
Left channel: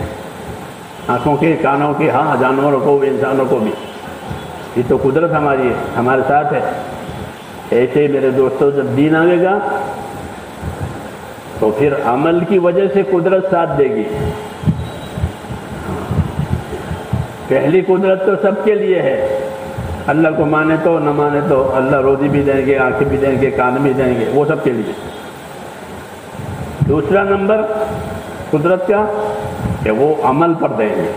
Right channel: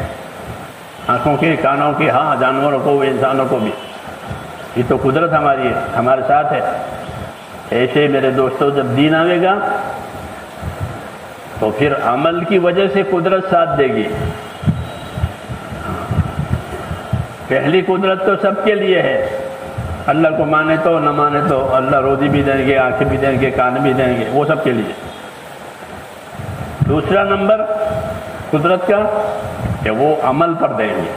آنکھوں کی، کانوں کی، ہاں جانوروں کو، انسانوں کو بھی۔ یہ تو قدرت ہماری ہے، ہمارے ساتھ ہے۔ ایسے میرے دوستوں، جب دین آئے گا تو پھر عمل کی وجہ سے قدرت ساتھ دے گی۔ پہلی قدرت تو سب کے لیے ہے، اللہ کو مانے تو نہ مانے تو، اللہ روزی بھی دیں گے، آنکھیں بھی دیں گے، کان بھی دیں گے، وہ سب کے لیے۔ دوسرا نمبر قدرت کا کہ وہ عمل پر دیں گے،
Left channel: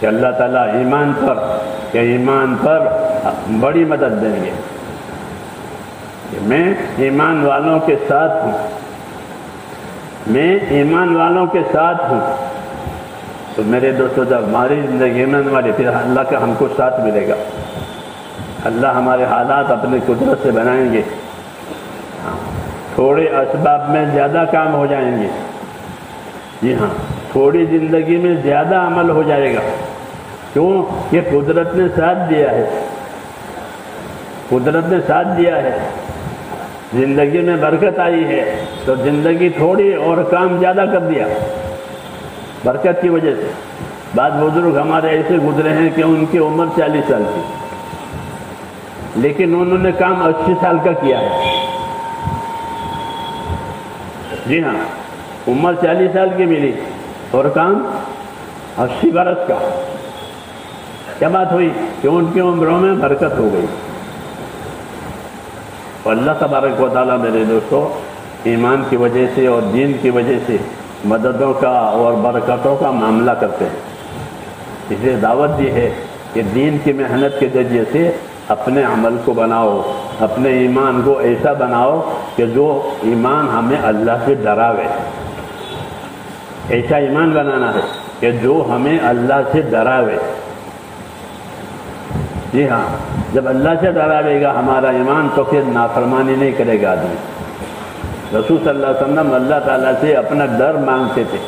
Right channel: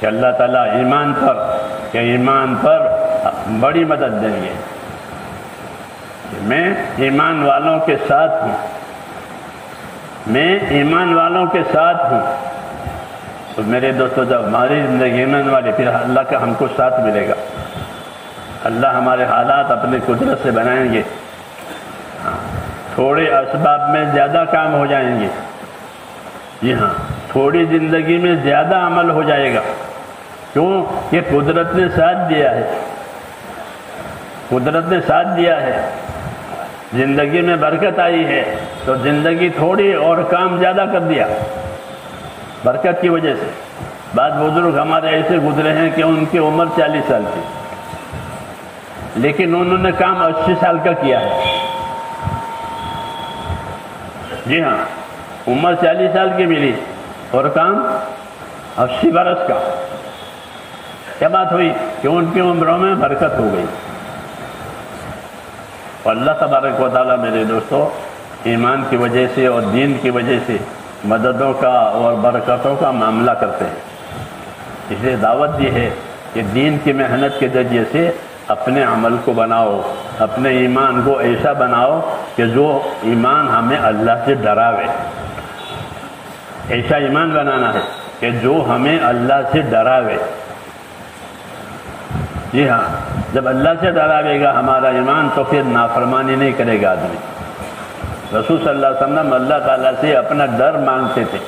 کہ اللہ تعالیٰ ایمان پر بڑی مدد دیں گے۔ میں ایمان والوں کے ساتھ ہوں، میں ایمان والوں کے ساتھ ہوں۔ تو میرے دوستو، جب ہماری زندگی میں والے، پھر اللہ کا ہم کو ساتھ ملے گا۔ اللہ ہمارے حالات اپنے قدرت سے بنائیں گے، تھوڑے اسباب میں زیادہ کام ہو جائیں گے۔ جی ہاں، تھوڑی زندگی میں زیادہ عمل ہو جائے گا۔ کیوں؟ یہ قدرت نے ساتھ دیا ہے، قدرت نے ساتھ دیا ہے، زندگی میں برکت آئی ہے، تو زندگی تھوڑی اور کام زیادہ کر دیا برکت کی وجہ سے۔ بعض بزرگ ہمارے ایسے گزرے ہیں کہ ان کی عمر 40 سال کی، لیکن انہوں نے کام 80 سال کا کیا ہے۔ جی ہاں، عمر 40 سال کی ملی اور کام 80 برس کا۔ کیا بات ہوئی کہ ان کی عمروں میں برکت ہو گئی۔ اللہ تبارک و تعالیٰ میرے دوستو ایمان کی وجہ سے اور دین کی وجہ سے مددوں کا اور برکتوں کا معاملہ کرتے ہیں۔ اس لیے دعوت یہ ہے کہ دین کی محنت کے ذریعے سے اپنے عمل کو بناؤ، اپنے ایمان کو ایسا بناؤ کہ جو ایمان ہمیں اللہ سے ڈراوے۔ ایسا ایمان بنانا ہے کہ جو ہمیں اللہ سے ڈراوے۔ جی ہاں، جب اللہ سے ڈراوے گا ہمارا ایمان تو پھر نافرمانی نہیں کرے گا آدمی۔ رسول صلی اللہ علیہ وسلم اللہ تعالیٰ سے اپنا ڈر مانگتے تھے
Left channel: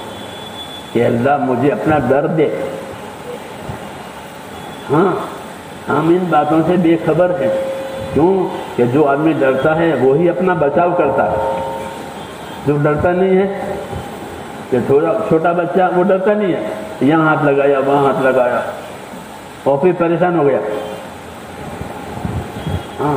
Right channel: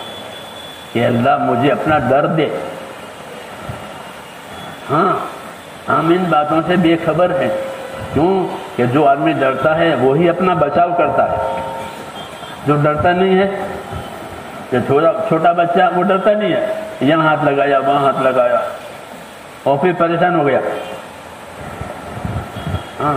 کہ اللہ مجھے اپنا ڈر دے۔ ہاں، ہم ان باتوں سے بے خبر ہیں۔ کیوں کہ جو آدمی ڈرتا ہے وہی اپنا بچاؤ کرتا ہے۔ جو ڈرتا نہیں ہے، کہ چھوٹا بچہ وہ ڈرتا نہیں ہے، یہاں ہاتھ لگایا وہاں ہاتھ لگایا اور پھر پریشان ہو گیا۔ ہاں،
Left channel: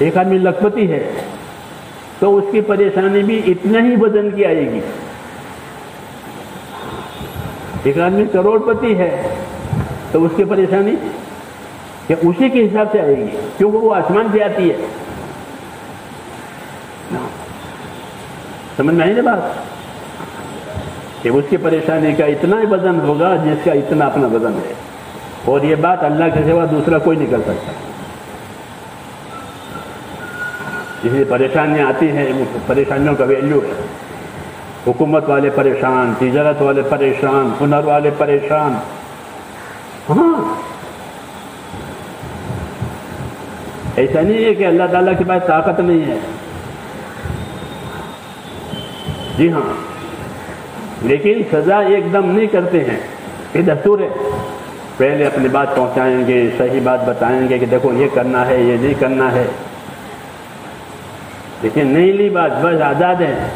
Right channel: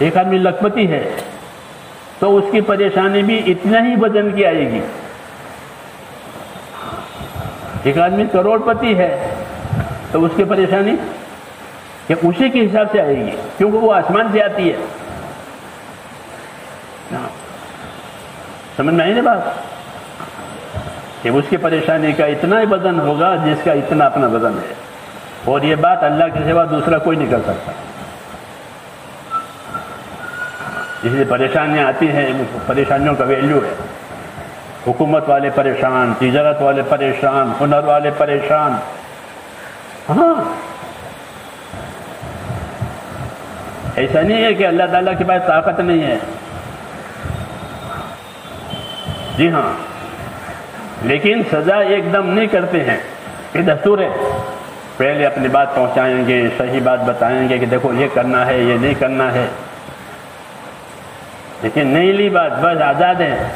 ایک آدمی لکھپتی ہے تو اس کی پریشانی بھی اتنا ہی وزن کی آئے گی. ایک آدمی کروڑ پتی ہے تو اس کی پریشانی کہ اسی کے حساب سے آئے گی، کیونکہ وہ آسمان سے آتی ہے. سمجھ میں آئی نا بات؟ کہ اس کی پریشانی کا اتنا ہی وزن ہوگا جس کا اتنا اپنا وزن ہے، اور یہ بات اللہ کے سوا دوسرا کوئی نہیں کر سکتا. اس لیے پریشانیاں آتی ہیں، پریشانیوں کا ویلیو ہے. حکومت والے پریشان، تجارت والے پریشان، ہنر والے پریشان. ہاں، ایسا نہیں ہے کہ اللہ تعالیٰ کے پاس طاقت نہیں ہے. جی ہاں، لیکن سزا ایک دم نہیں کرتے ہیں. یہ دستور ہے، پہلے اپنی بات پہنچائیں گے، صحیح بات بتائیں گے کہ دیکھو یہ کرنا ہے، یہ نہیں کرنا ہے. لیکن نہیں لی بات، بس آزاد ہیں.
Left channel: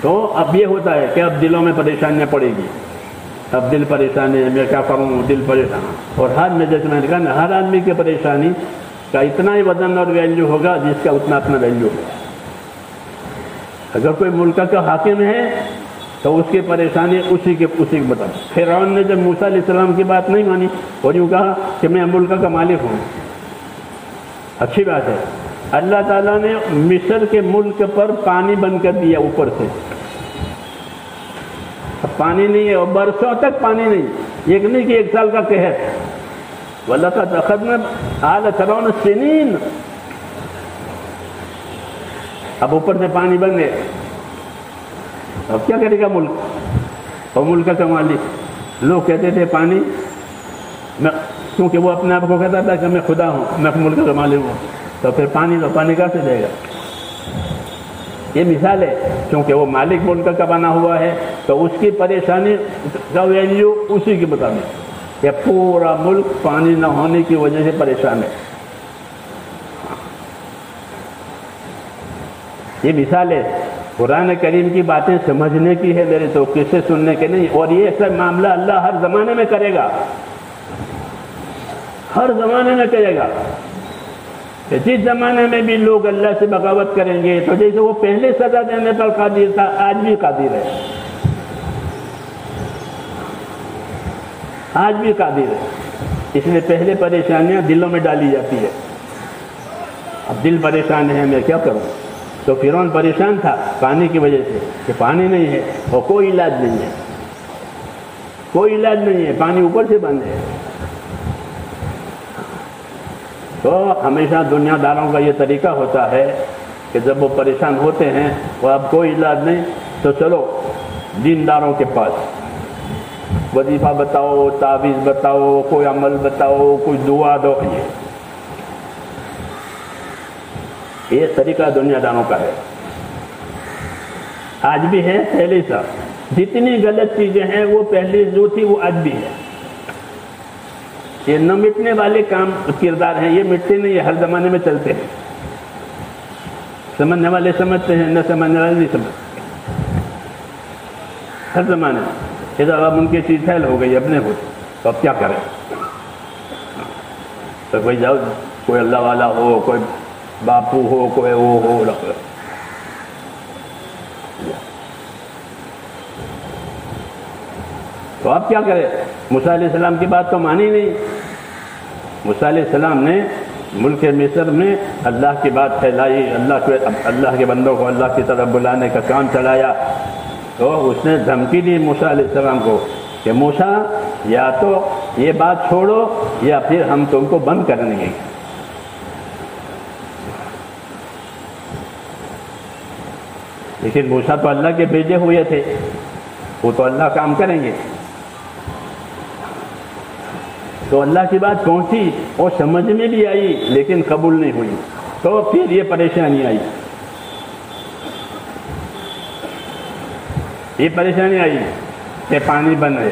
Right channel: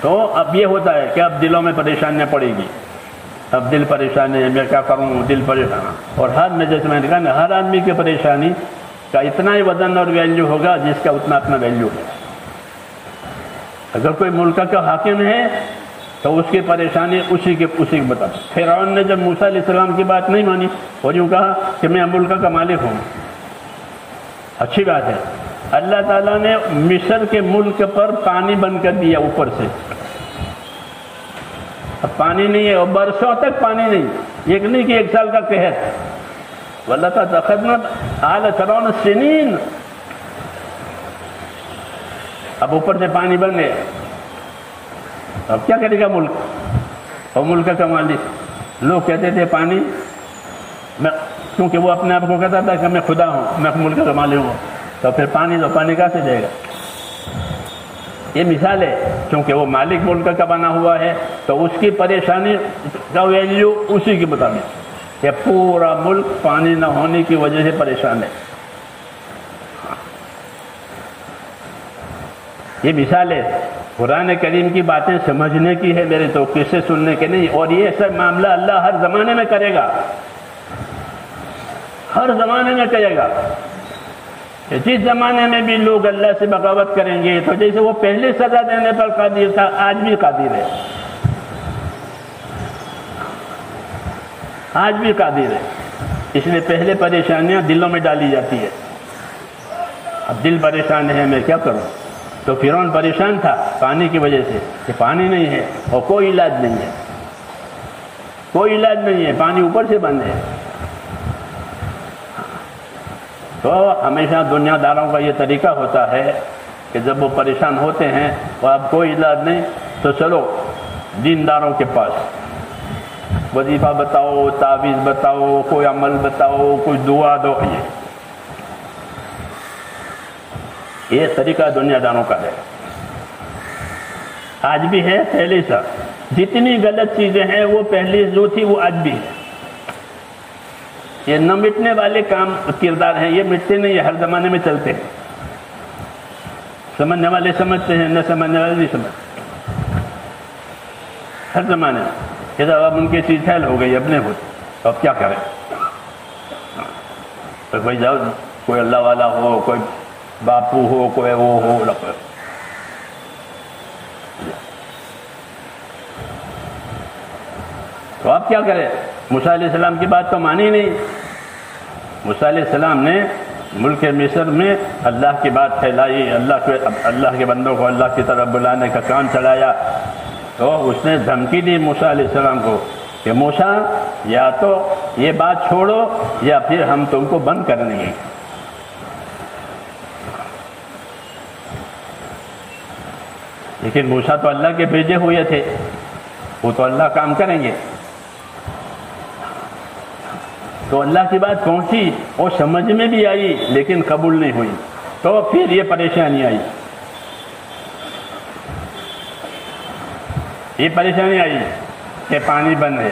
تو اب یہ ہوتا ہے کہ اب دلوں میں پریشانیاں پڑے گی. اب دل پریشان ہے، میں کیا کروں، دل پریشان. اور ہر میں جیسے میں نے کہا نا، ہر آدمی کی پریشانی کا اتنا ہی وزن اور ویلیو ہوگا جس کا اتنا اپنا ویلیو ہے. اگر کوئی ملک کا حاکم ہے تو اس کی پریشانی اسی کے بتا. فرعون نے جب موسیٰ علیہ السلام کی بات نہیں مانی اور یوں کہا کہ میں ملک کا مالک ہوں، اچھی بات ہے. اللہ تعالیٰ نے مصر کے ملک پر پانی بند کر دیا اوپر سے. اب پانی نہیں ہے اور برسوں تک پانی نہیں. ایک نہیں کہ ایک سال کا قحط. وَلَقَدْ أَخَذْنَا آلَ فِرْعَوْنَ السِّنِينَ. اب اوپر سے پانی بن گئے. اب کیا کرے گا ملک؟ اور ملک کا مالک. لوگ کہتے تھے پانی میں، کیونکہ وہ اپنے آپ کو کہتا تھا کہ میں خدا ہوں، میں ملک کا مالک ہوں. تو پھر پانی کہاں سے دے گا؟ یہ مثال ہے، کیونکہ وہ مالک ملک کا بنا ہوا ہے تو اس کی پریشانی کا ویلیو اسی کے مطابق. کہ پورا ملک پانی نہ ہونے کی وجہ سے پریشان ہے. یہ مثال ہے. قرآن کریم کی باتیں سمجھنے کی ہے میرے، تو قصے سننے کے نہیں. اور یہ سب معاملہ اللہ ہر زمانے میں کرے گا، ہر زمانے میں کرے گا. جس زمانے میں بھی لوگ اللہ سے بغاوت کریں گے تو جیسے وہ پہلے سزا دینے پر قادر تھا، آج بھی قادر ہے. آج بھی قادر ہے. اس لیے پہلے پریشانیاں دلوں میں ڈالی جاتی ہے. اب دل پریشان ہے، میں کیا کروں؟ تو فرعون پریشان تھا پانی کی وجہ سے کہ پانی نہیں ہے اور کوئی علاج نہیں ہے. کوئی علاج نہیں ہے، پانی اوپر سے بند ہے. تو ہمیشہ دنیا داروں کا یہ طریقہ ہوتا ہے کہ جب وہ پریشان ہوتے ہیں اور اب کوئی علاج نہیں تو چلو دینداروں کے پاس. وظیفہ بتاؤ، تعویذ بتاؤ، کوئی عمل بتاؤ، کوئی دعا دو. یہ طریقہ دنیا داروں کا ہے. آج بھی ہے، پہلے سا. جتنی غلط چیزیں ہیں وہ پہلے جو تھی وہ آج بھی ہے. یہ نہ مٹنے والے کام کردار ہیں، یہ مٹتے نہیں، یہ ہر زمانے میں چلتے ہیں. سمجھنے والے سمجھتے ہیں، نہ سمجھنے والے نہیں سمجھتے. ہر زمانے میں یہ تو اب ان کی چیز پھیل ہو گئی، اپنے ہوتی. تو اب کیا کریں؟ تو کوئی جاؤ، کوئی اللہ والا ہو، کوئی باپو ہو، کوئی وہ ہو. تو آپ کیا کریں؟ موسیٰ علیہ السلام کی بات تو مانی نہیں. موسیٰ علیہ السلام نے ملک مصر میں اللہ کی بات پھیلائی، اللہ کے بندوں کو اللہ کی طرف بلانے کا کام چلایا. تو اس نے دھمکی دی موسیٰ علیہ السلام کو کہ موسیٰ یا تو یہ بات چھوڑو یا پھر ہم تم کو بند کر دیں گے. لیکن موسیٰ تو اللہ کے بھیجے ہوئے تھے، وہ تو اللہ کام کریں گے. تو اللہ کی بات پہنچی اور سمجھ میں بھی آئی لیکن قبول نہیں ہوئی. تو پھر یہ پریشانی آئی. یہ پریشانی آئی کہ پانی بند ہے،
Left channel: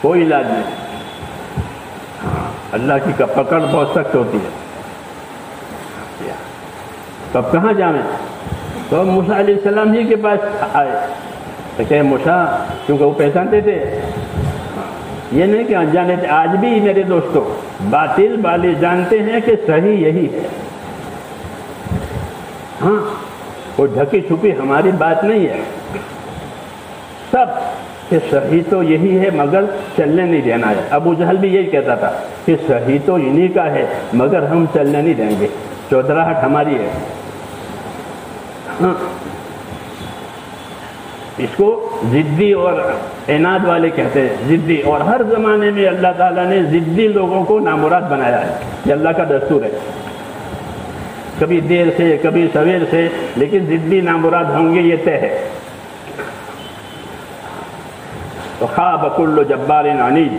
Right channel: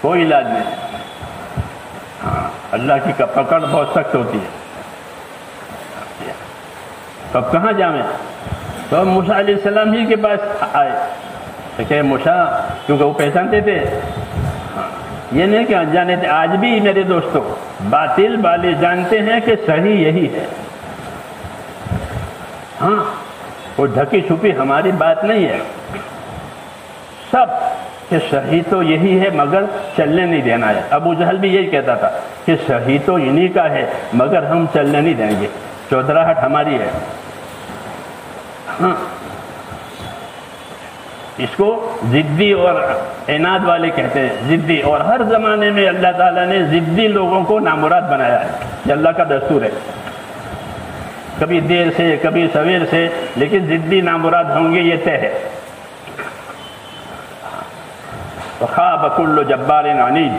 کوئی علاج نہیں. اللہ کی پکڑ بہت سخت ہوتی ہے. تو اب کہاں جائیں؟ تو ہم موسیٰ علیہ السلام ہی کے پاس آئے کہ موسیٰ، کیونکہ وہ پہچانتے تھے، یہ نہیں کہ انجانے تھے. آج بھی میرے دوستوں باطل والے جانتے ہیں کہ صحیح یہی ہے. ہاں وہ ڈھکی چھپی ہماری بات نہیں ہے. سب کہ صحیح تو یہی ہے مگر چلنے نہیں دینا ہے. ابو جہل بھی یہی کہتا تھا کہ صحیح تو انہی کا ہے مگر ہم چلنے نہیں دیں گے, چودراہٹ ہماری ہے. ہاں اس کو ضدی اور عناد والے کہتے ہیں. ضدی, اور ہر زمانے میں اللہ تعالیٰ نے ضدی لوگوں کو نامراد بنایا ہے. یہ اللہ کا دستور ہے, کبھی دیر سے کبھی سویر سے, لیکن ضدی نامراد ہوں گے, یہ طے ہے. وخاب کل جبار عنید,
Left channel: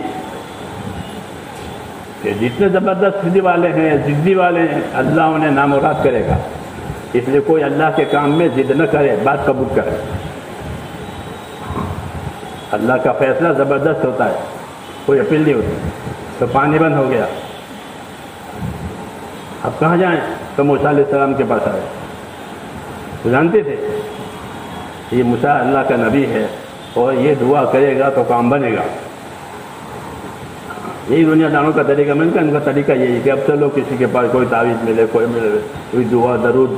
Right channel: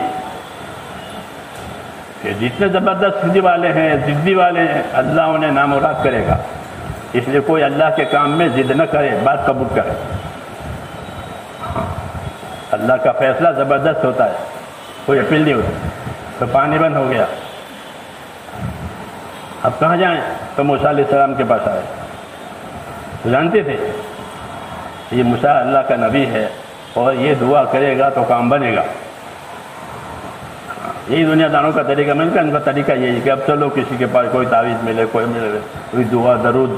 کہ جتنے زبردست ضدی والے ہیں, ضدی والے ہیں, اللہ انہیں نامراد کرے گا. اس لیے کوئی اللہ کے کام میں ضد نہ کرے, بات قبول کرے. اللہ کا فیصلہ زبردست ہوتا ہے, کوئی اپیل نہیں ہوتی. تو پانی بند ہو گیا, اب کہاں جائیں؟ تو موسیٰ علیہ السلام کے پاس آئے. تو جانتے تھے یہ موسیٰ اللہ کا نبی ہے اور یہ دعا کرے گا تو کام بنے گا. یہی دنیا داروں کا طریقہ. میں نے کہا ان کا طریقہ یہی کہ اب چلو کسی کے پاس کوئی تعویذ ملے, کوئی ملے, کوئی دعا درود.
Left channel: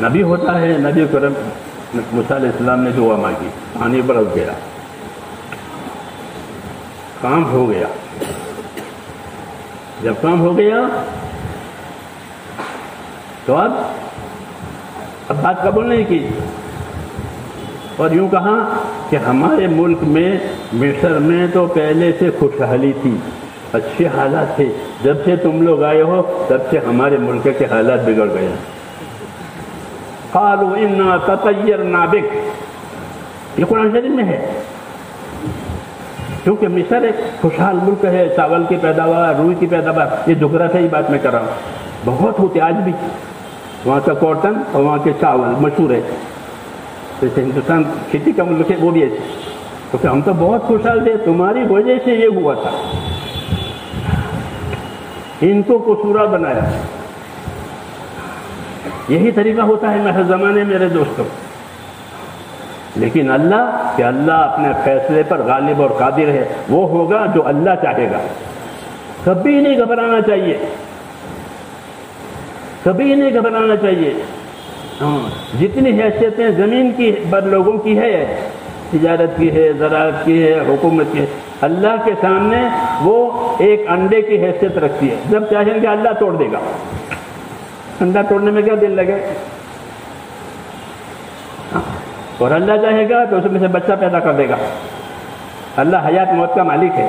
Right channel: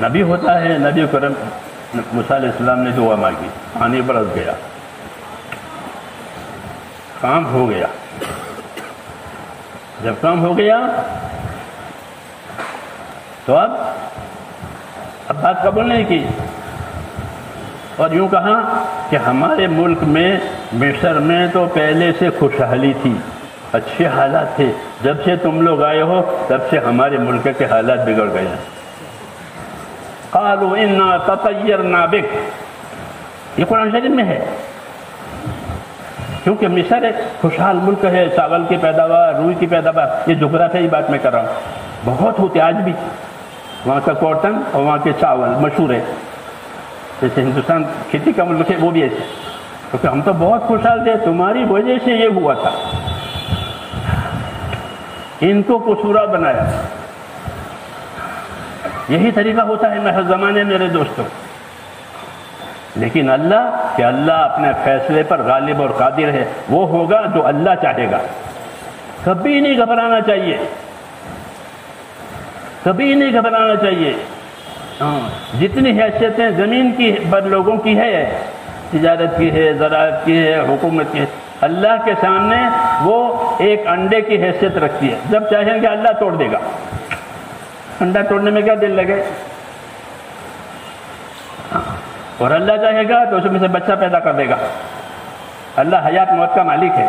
نبی ہوتا ہے, نبی کرم موسیٰ علیہ السلام نے دعا مانگی, پانی برس گیا, کام ہو گیا. جب کام ہو گیا تو اب بات قبول نہیں کی, اور یوں کہا کہ ہمارے ملک میں مصر میں تو پہلے سے خوشحالی تھی, اچھے حالات تھے, جب سے تم لوگ آئے ہو تب سے ہمارے ملک کے حالات بگڑ گئے ہیں. قالوا انا تطیرنا بک, یہ قرآن شریف میں ہے. کیونکہ مصر ایک خوشحال ملک ہے, چاول کی پیداوار, روئی کی پیداوار, یہ جغرافیائی بات میں کر رہا ہوں, بہت ہوتے آج بھی. وہاں کا کاٹن اور وہاں کے چاول مشہور ہے. جیسے ہندوستان کھیتی کا ملک ہے وہ بھی ایسے, کیونکہ ہم تو بہت خوشحال تھے, تمہاری وجہ سے یہ ہوا تھا. ان کو قصورا بنایا. یہی طریقہ ہوتا ہے ہر زمانے میرے دوستوں. لیکن اللہ, کہ اللہ اپنے فیصلے پر غالب اور قادر ہے, وہ ہوگا جو اللہ چاہے گا. کبھی نہیں گھبرانا چاہیے, کبھی نہیں گھبرانا چاہیے. جتنی حیثیتیں زمین کی پر لوگوں کی ہے, تجارت کی ہے, زراعت کی ہے, حکومت کی ہے, اللہ کے سامنے وہ ایک انڈے کی حیثیت رکھتی ہے. جب چاہیں گے اللہ توڑ دے گا. انڈا توڑنے میں کیا دل لگے, اور اللہ چاہے گا تو اس میں سے بچہ پیدا کر دے گا. اللہ حیات موت کا مالک ہے.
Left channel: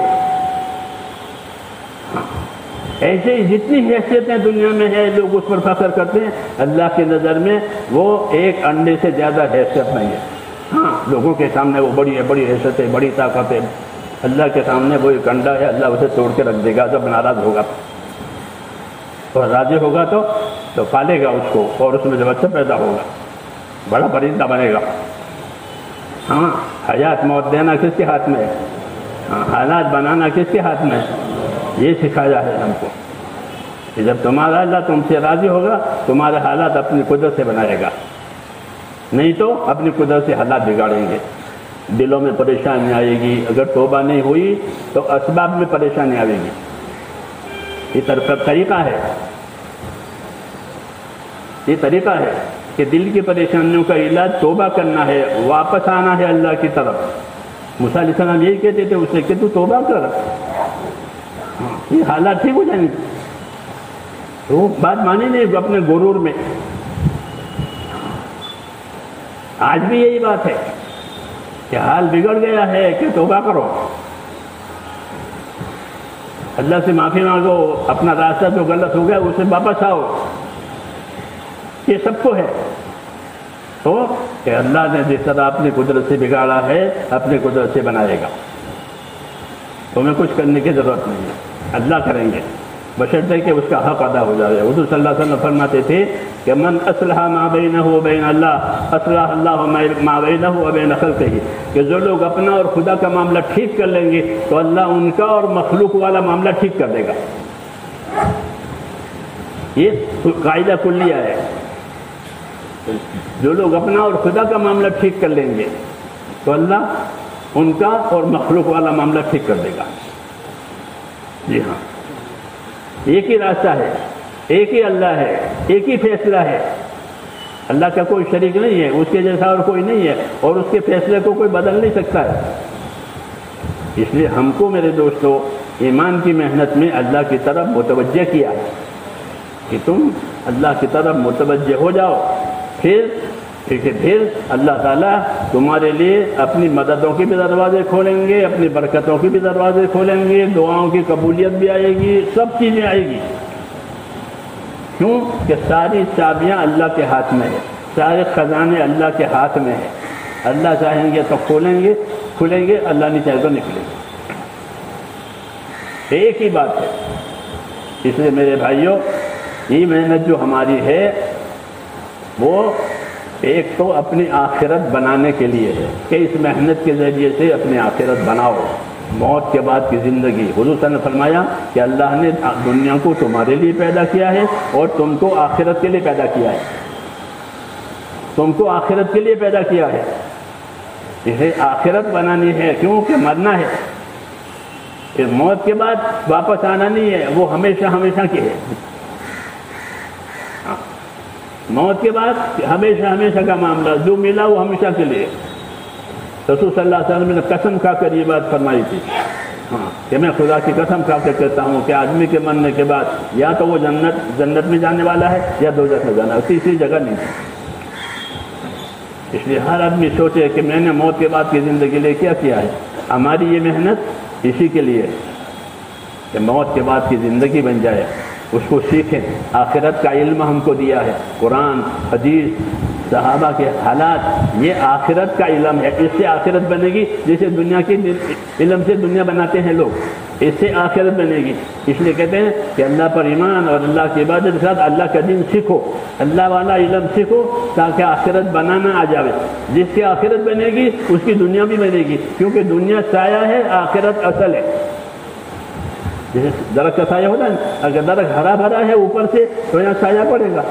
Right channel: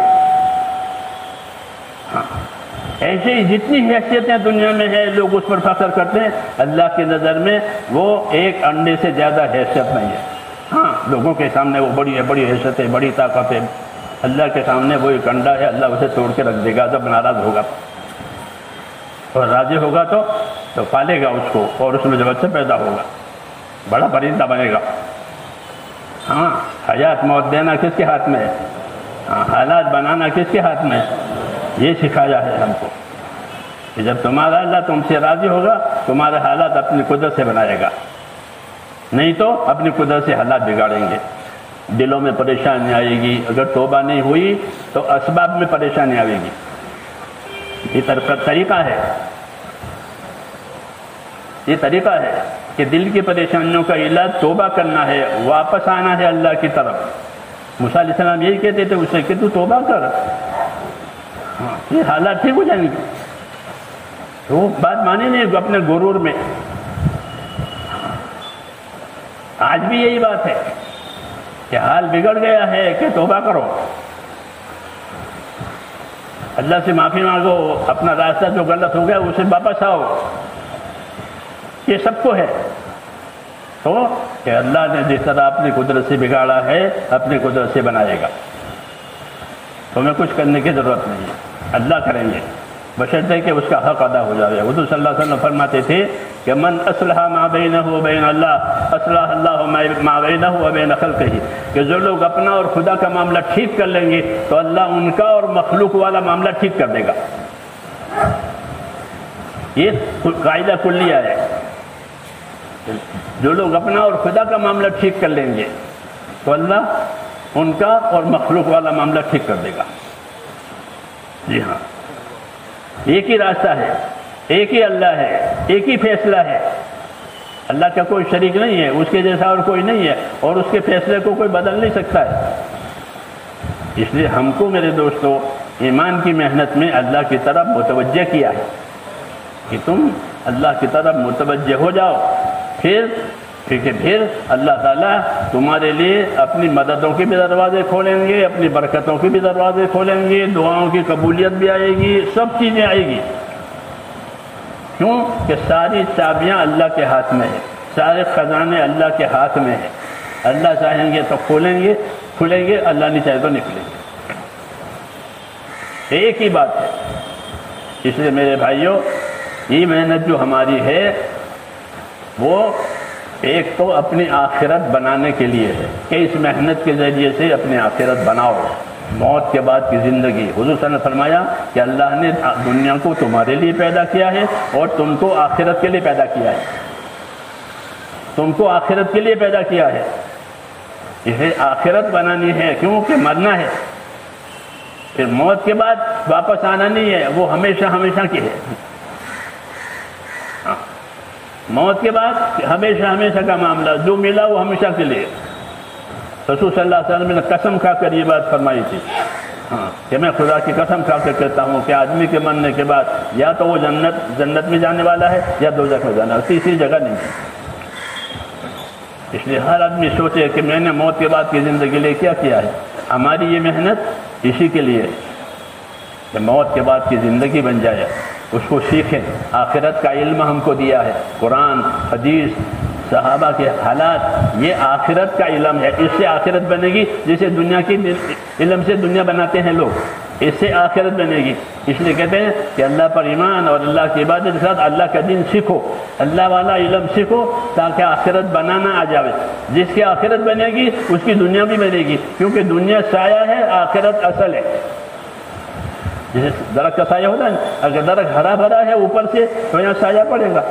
ایسے ہی جتنی حیثیتیں دنیا میں ہیں لوگ اس پر فخر کرتے ہیں, اللہ کی نظر میں وہ ایک انڈے سے زیادہ حیثیت نہیں ہے. ہاں لوگوں کے سامنے وہ بڑی حیثیت ہے, بڑی طاقت ہے. اللہ کے سامنے وہ ایک انڈا ہے, اللہ اسے توڑ کے رکھ دے گا جب ناراض ہوگا. اور راضی ہوگا تو پالے گا اس کو, اور اس میں جب بچہ پیدا ہوگا بڑا پرندہ بنے گا. ہاں حیات موت دینا کس کے ہاتھ میں ہے, حالات بنانا کس کے ہاتھ میں ہے. یہ سکھایا ہے ہم کو کہ جب تمہارا اللہ تم سے راضی ہوگا تمہارے حالات اپنی قدرت سے بنائے گا, نہیں تو اپنی قدرت سے حالات بگاڑیں گے. دلوں میں پریشانی آئے گی, اگر توبہ نہیں ہوئی تو اسباب میں پریشانی آئے گی. یہ طریقہ ہے, یہ طریقہ ہے کہ دل کی پریشانیوں کا علاج توبہ کرنا ہے, واپس آنا ہے اللہ کی طرف. موسیٰ علیہ السلام یہی کہتے تھے اسے کہ تو توبہ کر, یہ حالات ٹھیک ہو جائیں گے. وہ بات مانی نہیں اپنے غرور میں. آج بھی یہی بات ہے کہ حال بگڑ گیا ہے کہ توبہ کرو, اللہ سے معافی مانگو, اپنا راستہ جو غلط ہو گیا اسے واپس آؤ. یہ سب کو ہے تو کہ اللہ نے جس طرح اپنی قدرت سے بگاڑا ہے اپنی قدرت سے بنائے گا. تمہیں کچھ کرنے کی ضرورت نہیں ہے, اللہ کریں گے بشرطے کہ اس کا حق ادا ہو جائے. حضور صلی اللہ علیہ وسلم فرماتے تھے کہ من اصلح ما بینہ و بین اللہ اصلح اللہ ما بینہ و بین خلقہ, کہ جو لوگ اپنا اور خدا کا معاملہ ٹھیک کر لیں گے تو اللہ ان کا اور مخلوق والا معاملہ ٹھیک کر دے گا. یہ قاعدہ کلیہ ہے. جو لوگ اپنا اور خدا کا معاملہ ٹھیک کر لیں گے تو اللہ ان کا اور مخلوق والا معاملہ ٹھیک کر دے گا. جی ہاں، ایک ہی راستہ ہے، ایک ہی اللہ ہے، ایک ہی فیصلہ ہے۔ اللہ کا کوئی شریک نہیں ہے، اس کے جیسا اور کوئی نہیں ہے، اور اس کے فیصلے کو کوئی بدل نہیں سکتا ہے۔ اس لیے ہم کو میرے دوستو ایمان کی محنت میں اللہ کی طرف متوجہ کیا ہے کہ تم اللہ کی طرف متوجہ ہو جاؤ، پھر اللہ تعالیٰ تمہارے لیے اپنی مددوں کے بھی دروازے کھولیں گے، اپنی برکتوں کے بھی دروازے کھولیں گے، دعاؤں کی قبولیت بھی آئے گی، سب چیزیں آئے گی۔ کیوں کہ ساری چابیاں اللہ کے ہاتھ میں ہیں، سارے خزانے اللہ کے ہاتھ میں ہیں۔ اللہ چاہیں گے تو کھولیں گے، اللہ نہیں چاہے تو نکلیں گے۔ ایک ہی بات ہے۔ اس لیے میرے بھائیوں، یہ محنت جو ہماری ہے وہ ایک تو اپنی آخرت بنانے کے لیے ہے کہ اس محنت کے ذریعے سے اپنی آخرت بناؤ۔ موت کے بعد کی زندگی، حضور صلی اللہ علیہ وسلم نے فرمایا کہ اللہ نے دنیا کو تمہارے لیے پیدا کیا ہے اور تم کو آخرت کے لیے پیدا کیا ہے، تم کو آخرت کے لیے پیدا کیا ہے۔ اسے آخرت بنانی ہے، کیونکہ مرنا ہے، پھر موت کے بعد واپس آنا نہیں ہے، وہ ہمیشہ ہمیشہ کے ہے۔ موت کے بعد ہمیشہ ہمیشہ کا معاملہ، جو ملا وہ ہمیشہ کے لیے۔ رسول صلی اللہ علیہ وسلم نے قسم کھا کر یہ بات فرمائی تھی کہ میں خدا کی قسم کھا کر کہتا ہوں کہ آدمی کے مرنے کے بعد یا تو وہ جنت میں جانے والا ہے یا دوزخ میں جانا، تیسری جگہ نہیں۔ اس لیے ہر آدمی سوچے کہ میں نے موت کے بعد کی زندگی لے کیا ہے۔ ہماری یہ محنت اسی کے لیے کہ موت کے بعد کی زندگی بن جائے، اس کو سیکھیں۔ آخرت کا علم ہم کو دیا ہے، قرآن، حدیث، صحابہ کے حالات، یہ آخرت کا علم ہے۔ اس سے آخرت بنے گی، جیسے دنیا کی علم سے دنیا بناتے ہیں لوگ، اس سے آخرت بنے گی۔ اس لیے کہتے ہیں کہ اللہ پر ایمان اور اللہ کی عبادت کے ساتھ اللہ کا دین سیکھو، اللہ والا علم سیکھو تاکہ آخرت بنانا آ جائے۔ جس کی آخرت بنے گی اس کی دنیا بھی بنے گی، کیونکہ دنیا سایہ ہے، آخرت اصل ہے۔ جیسے درخت کا سایہ ہوتا ہے، اگر درخت ہرا بھرا ہے اوپر سے تو یہاں سایہ پڑے گا،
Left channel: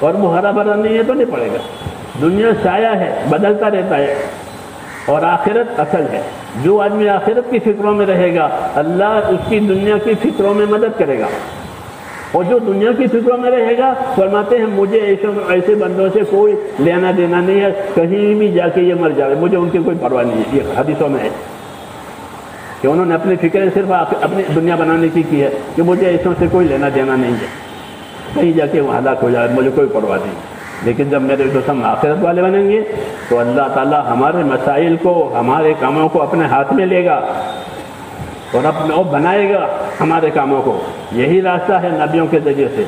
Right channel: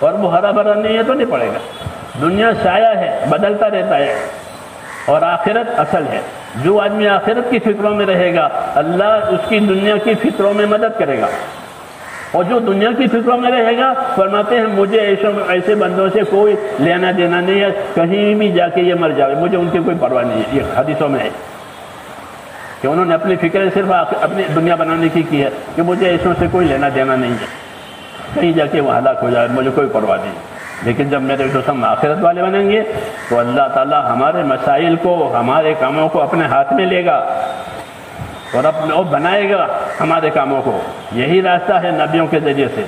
اور وہ ہرا بھرا نہیں ہے تو نہیں پڑے گا۔ دنیا سایہ ہے، بدلتا رہتا ہے، اور آخرت اصل ہے۔ جو آدمی آخرت کی فکروں میں رہے گا، اللہ اس کی دنیا کی فکروں میں مدد کرے گا، اور جو دنیا کی فکروں میں رہے گا، فرماتے ہیں مجھے ایسے بندوں سے کوئی لینا دینا نہیں ہے، کہیں بھی جا کے یہ مر جائے مجھے ان کی کوئی پرواہ نہیں ہے۔ یہ حدیثوں میں ہے کہ انہوں نے اپنی فکر صرف اپنی دنیا بنانے کی ہے کہ مجھے ایسوں سے کوئی لینا دینا نہیں ہے، کہیں جا کے وہ ہلاک ہو جائے مجھے کوئی پرواہ نہیں۔ لیکن جب میرے دوستوں آخرت والے بنیں گے تو اللہ تعالیٰ ہمارے مسائل کو، ہمارے کاموں کو اپنے ہاتھ میں لے گا اور بنائے گا ہمارے کاموں کو۔ یہی راستہ ہے نبیوں کے ذریعے سے۔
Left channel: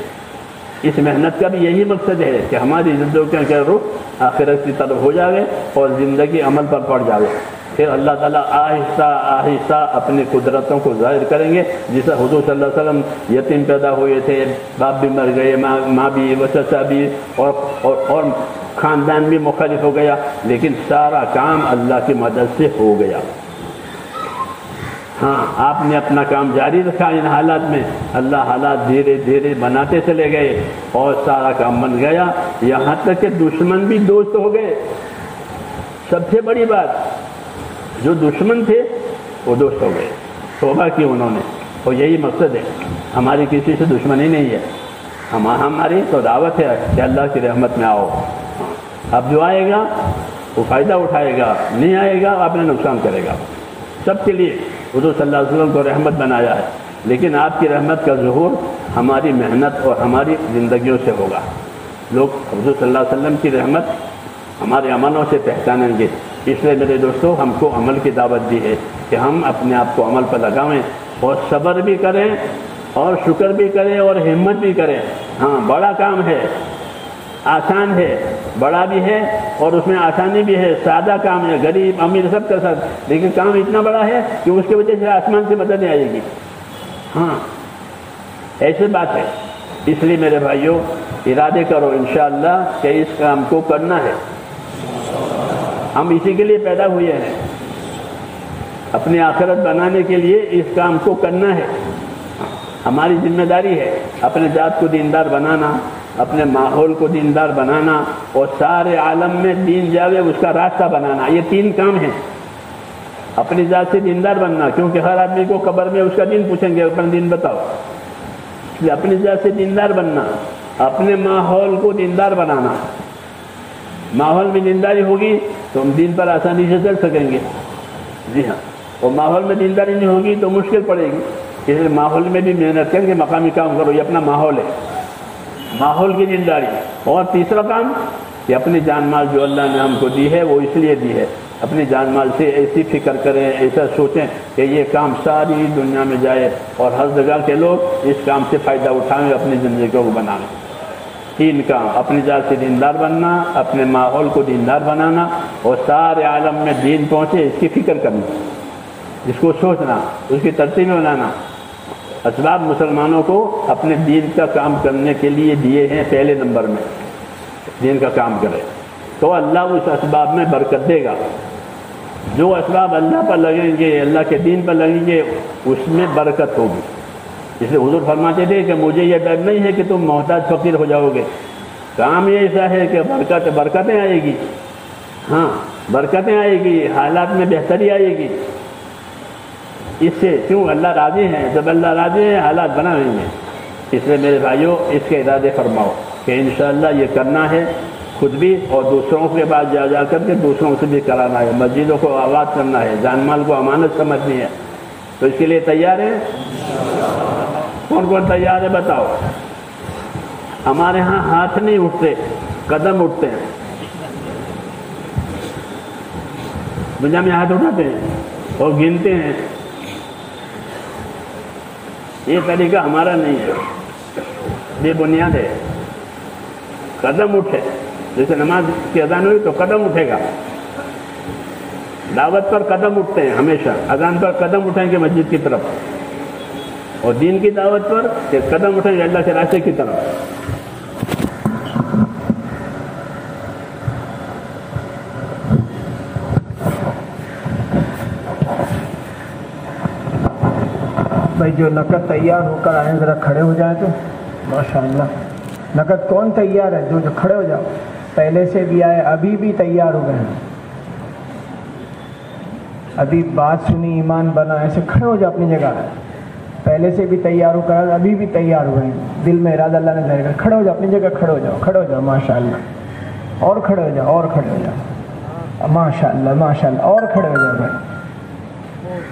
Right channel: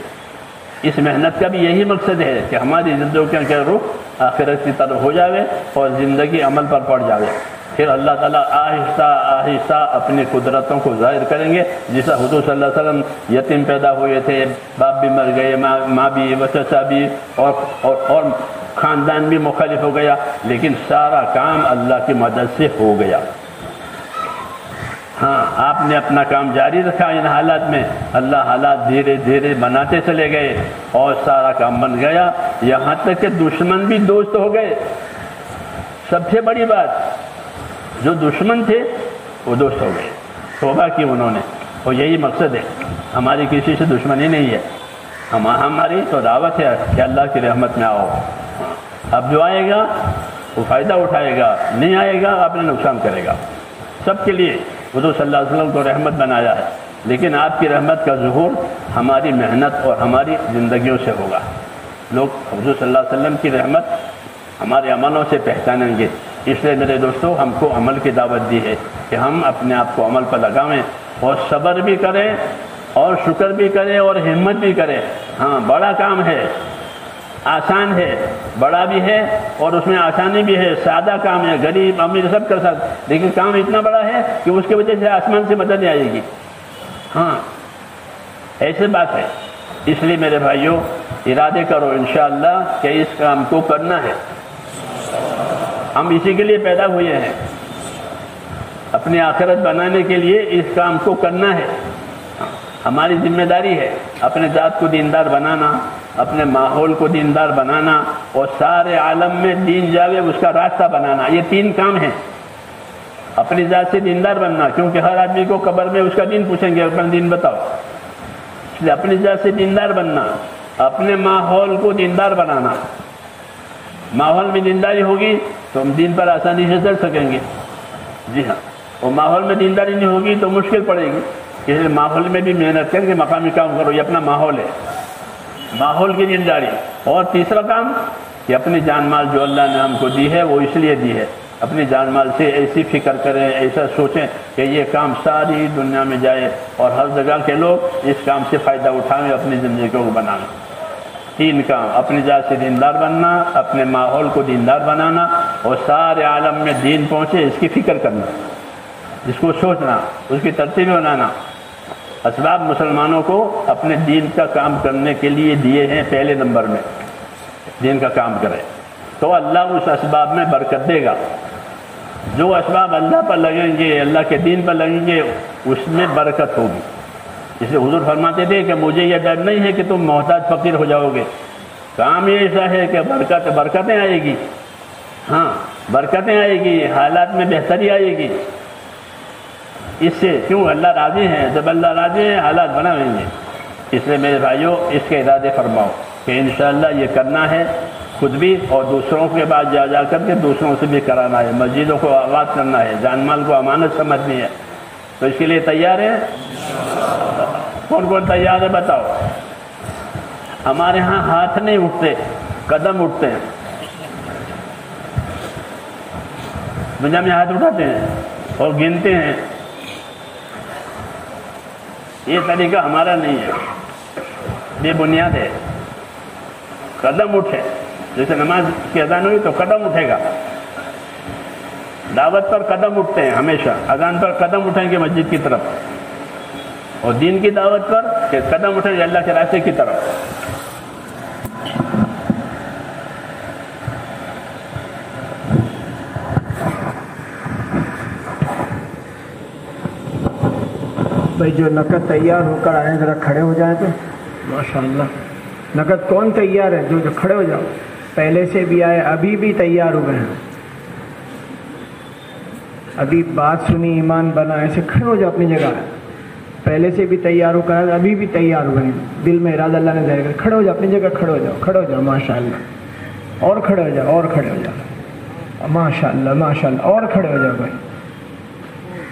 اس محنت کا بھی یہی مقصد ہے کہ ہماری زندگیوں کے رخ آخرت کی طرف ہو جاوے اور زندگی عمل پر پڑ جاوے۔ پھر اللہ تعالیٰ آہستہ آہستہ اپنی قدرتوں کو ظاہر کریں گے۔ جیسا حضور صلی اللہ علیہ وسلم یتیم پیدا ہوئے تھے، باپ بھی مر گئے، ماں بھی، چچا بھی، اور خاندان بھی مخالف ہو گیا، لیکن سارا کام اللہ کی مدد سے ہو گیا۔ ہاں، آپ نے اپنا کام جاری رکھا ان حالات میں، اللہ حالات دھیرے دھیرے بناتے چلے گئے اور سارا کام بن گیا، یہاں تک کہ دشمن بھی دوست ہو گئے۔ سب سے بڑی بات، جو دشمن تھے وہ دوست ہو گئے، توبہ کی انہوں نے۔ اور یہی مقصد ہے، ہماری کسی سے دشمنی نہیں ہے، ہماری تو دعوت ہے کہ اللہ کی رحمت میں آؤ۔ اب جو آئے گا وہ فائدہ اٹھائے گا، نہیں آئے گا اپنا نقصان کرے گا۔ سب کے لیے حضور صلی اللہ علیہ وسلم کو رحمت بنایا ہے، لیکن آپ کی رحمت کا ظہور ہماری محنت اور ہماری زندگیوں سے ہوگا۔ لوگ حضور صلی اللہ علیہ وسلم کی رحمت ہمارے عملوں سے پہچانیں گے۔ اس لیے میرے دوستوں، ہم کو عمل کی دعوت دی ہے کہ ہم اپنے آپ کو عمل پر لگائیں اور صبر بھی کریں اور شکر بھی کریں اور ہمت بھی کریں۔ ہاں، بڑا کام ہے، آسان ہے، بڑا بھی ہے اور اس میں آسانی بھی ہے، سادہ کام ہے، غریب امیر سب کر سکتے، لیکن کام اتنا بڑا ہے کہ اس کی وجہ سے آسمان سے مدد نہیں آئے گی۔ ہاں، ایسے بات ہے۔ اس لیے میرے بھائیوں، ارادے کرو انشاءاللہ کہ اس کام کو کرنا ہے۔ ہم اسی کے لیے پیدا ہوئے ہیں، اپنی آخرت بنانے کے لیے اس کام کو کرنا ہے۔ ہماری ذمہ داری ہے اپنے ذات کو دیندار بنانا، اپنے ماحول کو دیندار بنانا، اور سارے عالم میں دین جاوے اس کا راستہ بنانا۔ یہ تین کام ہیں۔ اپنی ذات سے دیندار بننا، کیونکہ ہر آدمی کو قبر میں اس کا دین پوچھیں گے، اپنا دین بتاؤ، اس لیے اپنی ذات سے دیندار بننا، اپنے ماحول کو دیندار بنانا۔ ماحول میں دینداری ہوگی تو ہم دین پر آسانی سے چل سکیں گے، جی ہاں، اور ماحول میں دینداری نہیں ہوگی تو مشکل پڑے گی۔ اس لیے ماحول میں بھی محنت کریں کہ مقامی کام کرو، یہ اپنا ماحول ہے، ماحول کی دینداری۔ اور تیسرا کام کہ اپنی جان مال جو اللہ نے ہم کو دی ہے وہ اس لیے دی ہے، اپنی جان مال سے ایسی فکر کریں، ایسا سوچیں کہ یہ کام ساری دنیا میں جائے اور ہر جگہ کے لوگ اس کام سے فائدہ اٹھائیں، اپنی زندگی کو بنانا۔ تین کام: اپنی ذات سے دیندار بننا، اپنے ماحول کو دیندار بنانا، اور سارے عالم میں دین پہنچے اس کی فکر کرنا، اس کو سوچنا، اس کی ترتیب بنانا۔ اسباب مسلمانوں کو اپنے دین کا کام کرنے کے لیے دیے ہیں، پہلے نمبر میں دین کا کام کرے تو اللہ اس اسباب میں برکت دے گا۔ جو اسباب اللہ پر لگیں گے، اللہ کے دین پر لگیں گے، اس میں برکت ہوگی۔ اس لیے حضور فرماتے تھے کہ مجھے یہ ڈر نہیں ہے کہ تم محتاج فقیر ہو جاؤ گے، کام یہ ایسا ہے کہ برکتیں آئے گی، ہاں برکتیں آئے گی، حالات میں بہتری آئے گی۔ اس سے کیوں اللہ راضی ہیں، جب اللہ راضی ہیں حالات بنا لیں گے۔ اس لیے میرے بھائیوں اس کے ارادے فرماؤ کہ انشاءاللہ یہ کرنا ہے، خود بھی اور دوسروں کے بعد جا کر کے دوسروں سے بھی کرانا ہے، مسجدوں کو آباد کرنا ہے، جان مال کو امانت سمجھنی ہے۔ تو اس کے لیے تیار ہے؟ کون کون تیار ہے بتاؤ؟ ہمارے ہاں ہاتھ نہیں اٹھتے، قدم اٹھتے ہیں۔ دنیا میں ہاتھ اٹھاتے ہیں اور گنتے ہیں، یہ طریقہ ہمارا نہیں ہے، بے بنیاد ہے۔ قدم اٹھے، جیسے نماز کی اذان ہوئی تو قدم اٹھے گا، دعوت پر قدم اٹھتے ہیں ہمیشہ، اذان پر قدم اٹھیں گے مسجد کی طرف، اور دین کی دعوت پر کہ قدم اٹھیں گے اللہ کے راستے کی طرف۔ بھائی جو نقد تیار ہو کر آئے ذرا کھڑے ہو جائیں تو ماشاءاللہ۔ نقد کون تیار ہے؟ جو کھڑے ہو جاؤ، پہلے سے بھی آئے، ابھی بھی تیار ہو گئے ہیں، ابھی بات سنی ایمان بنا، ایسے کھڑے ہو جاؤ اپنی جگہ، پہلے سے بھی تیار ہو کر ابھی بھی تیار ہو گئے ہیں، دل میں ارادہ اللہ نے ظاہر کر، کھڑے ہو جاؤ اپنی جگہ، کھڑے ہو جاؤ، کھڑے ہو جاؤ ماشاءاللہ، اور کھڑے ہو جاؤ، اور کھڑے ہو جاؤ ماشاءاللہ ماشاءاللہ، اور کھڑے ہو جاؤ بھائی،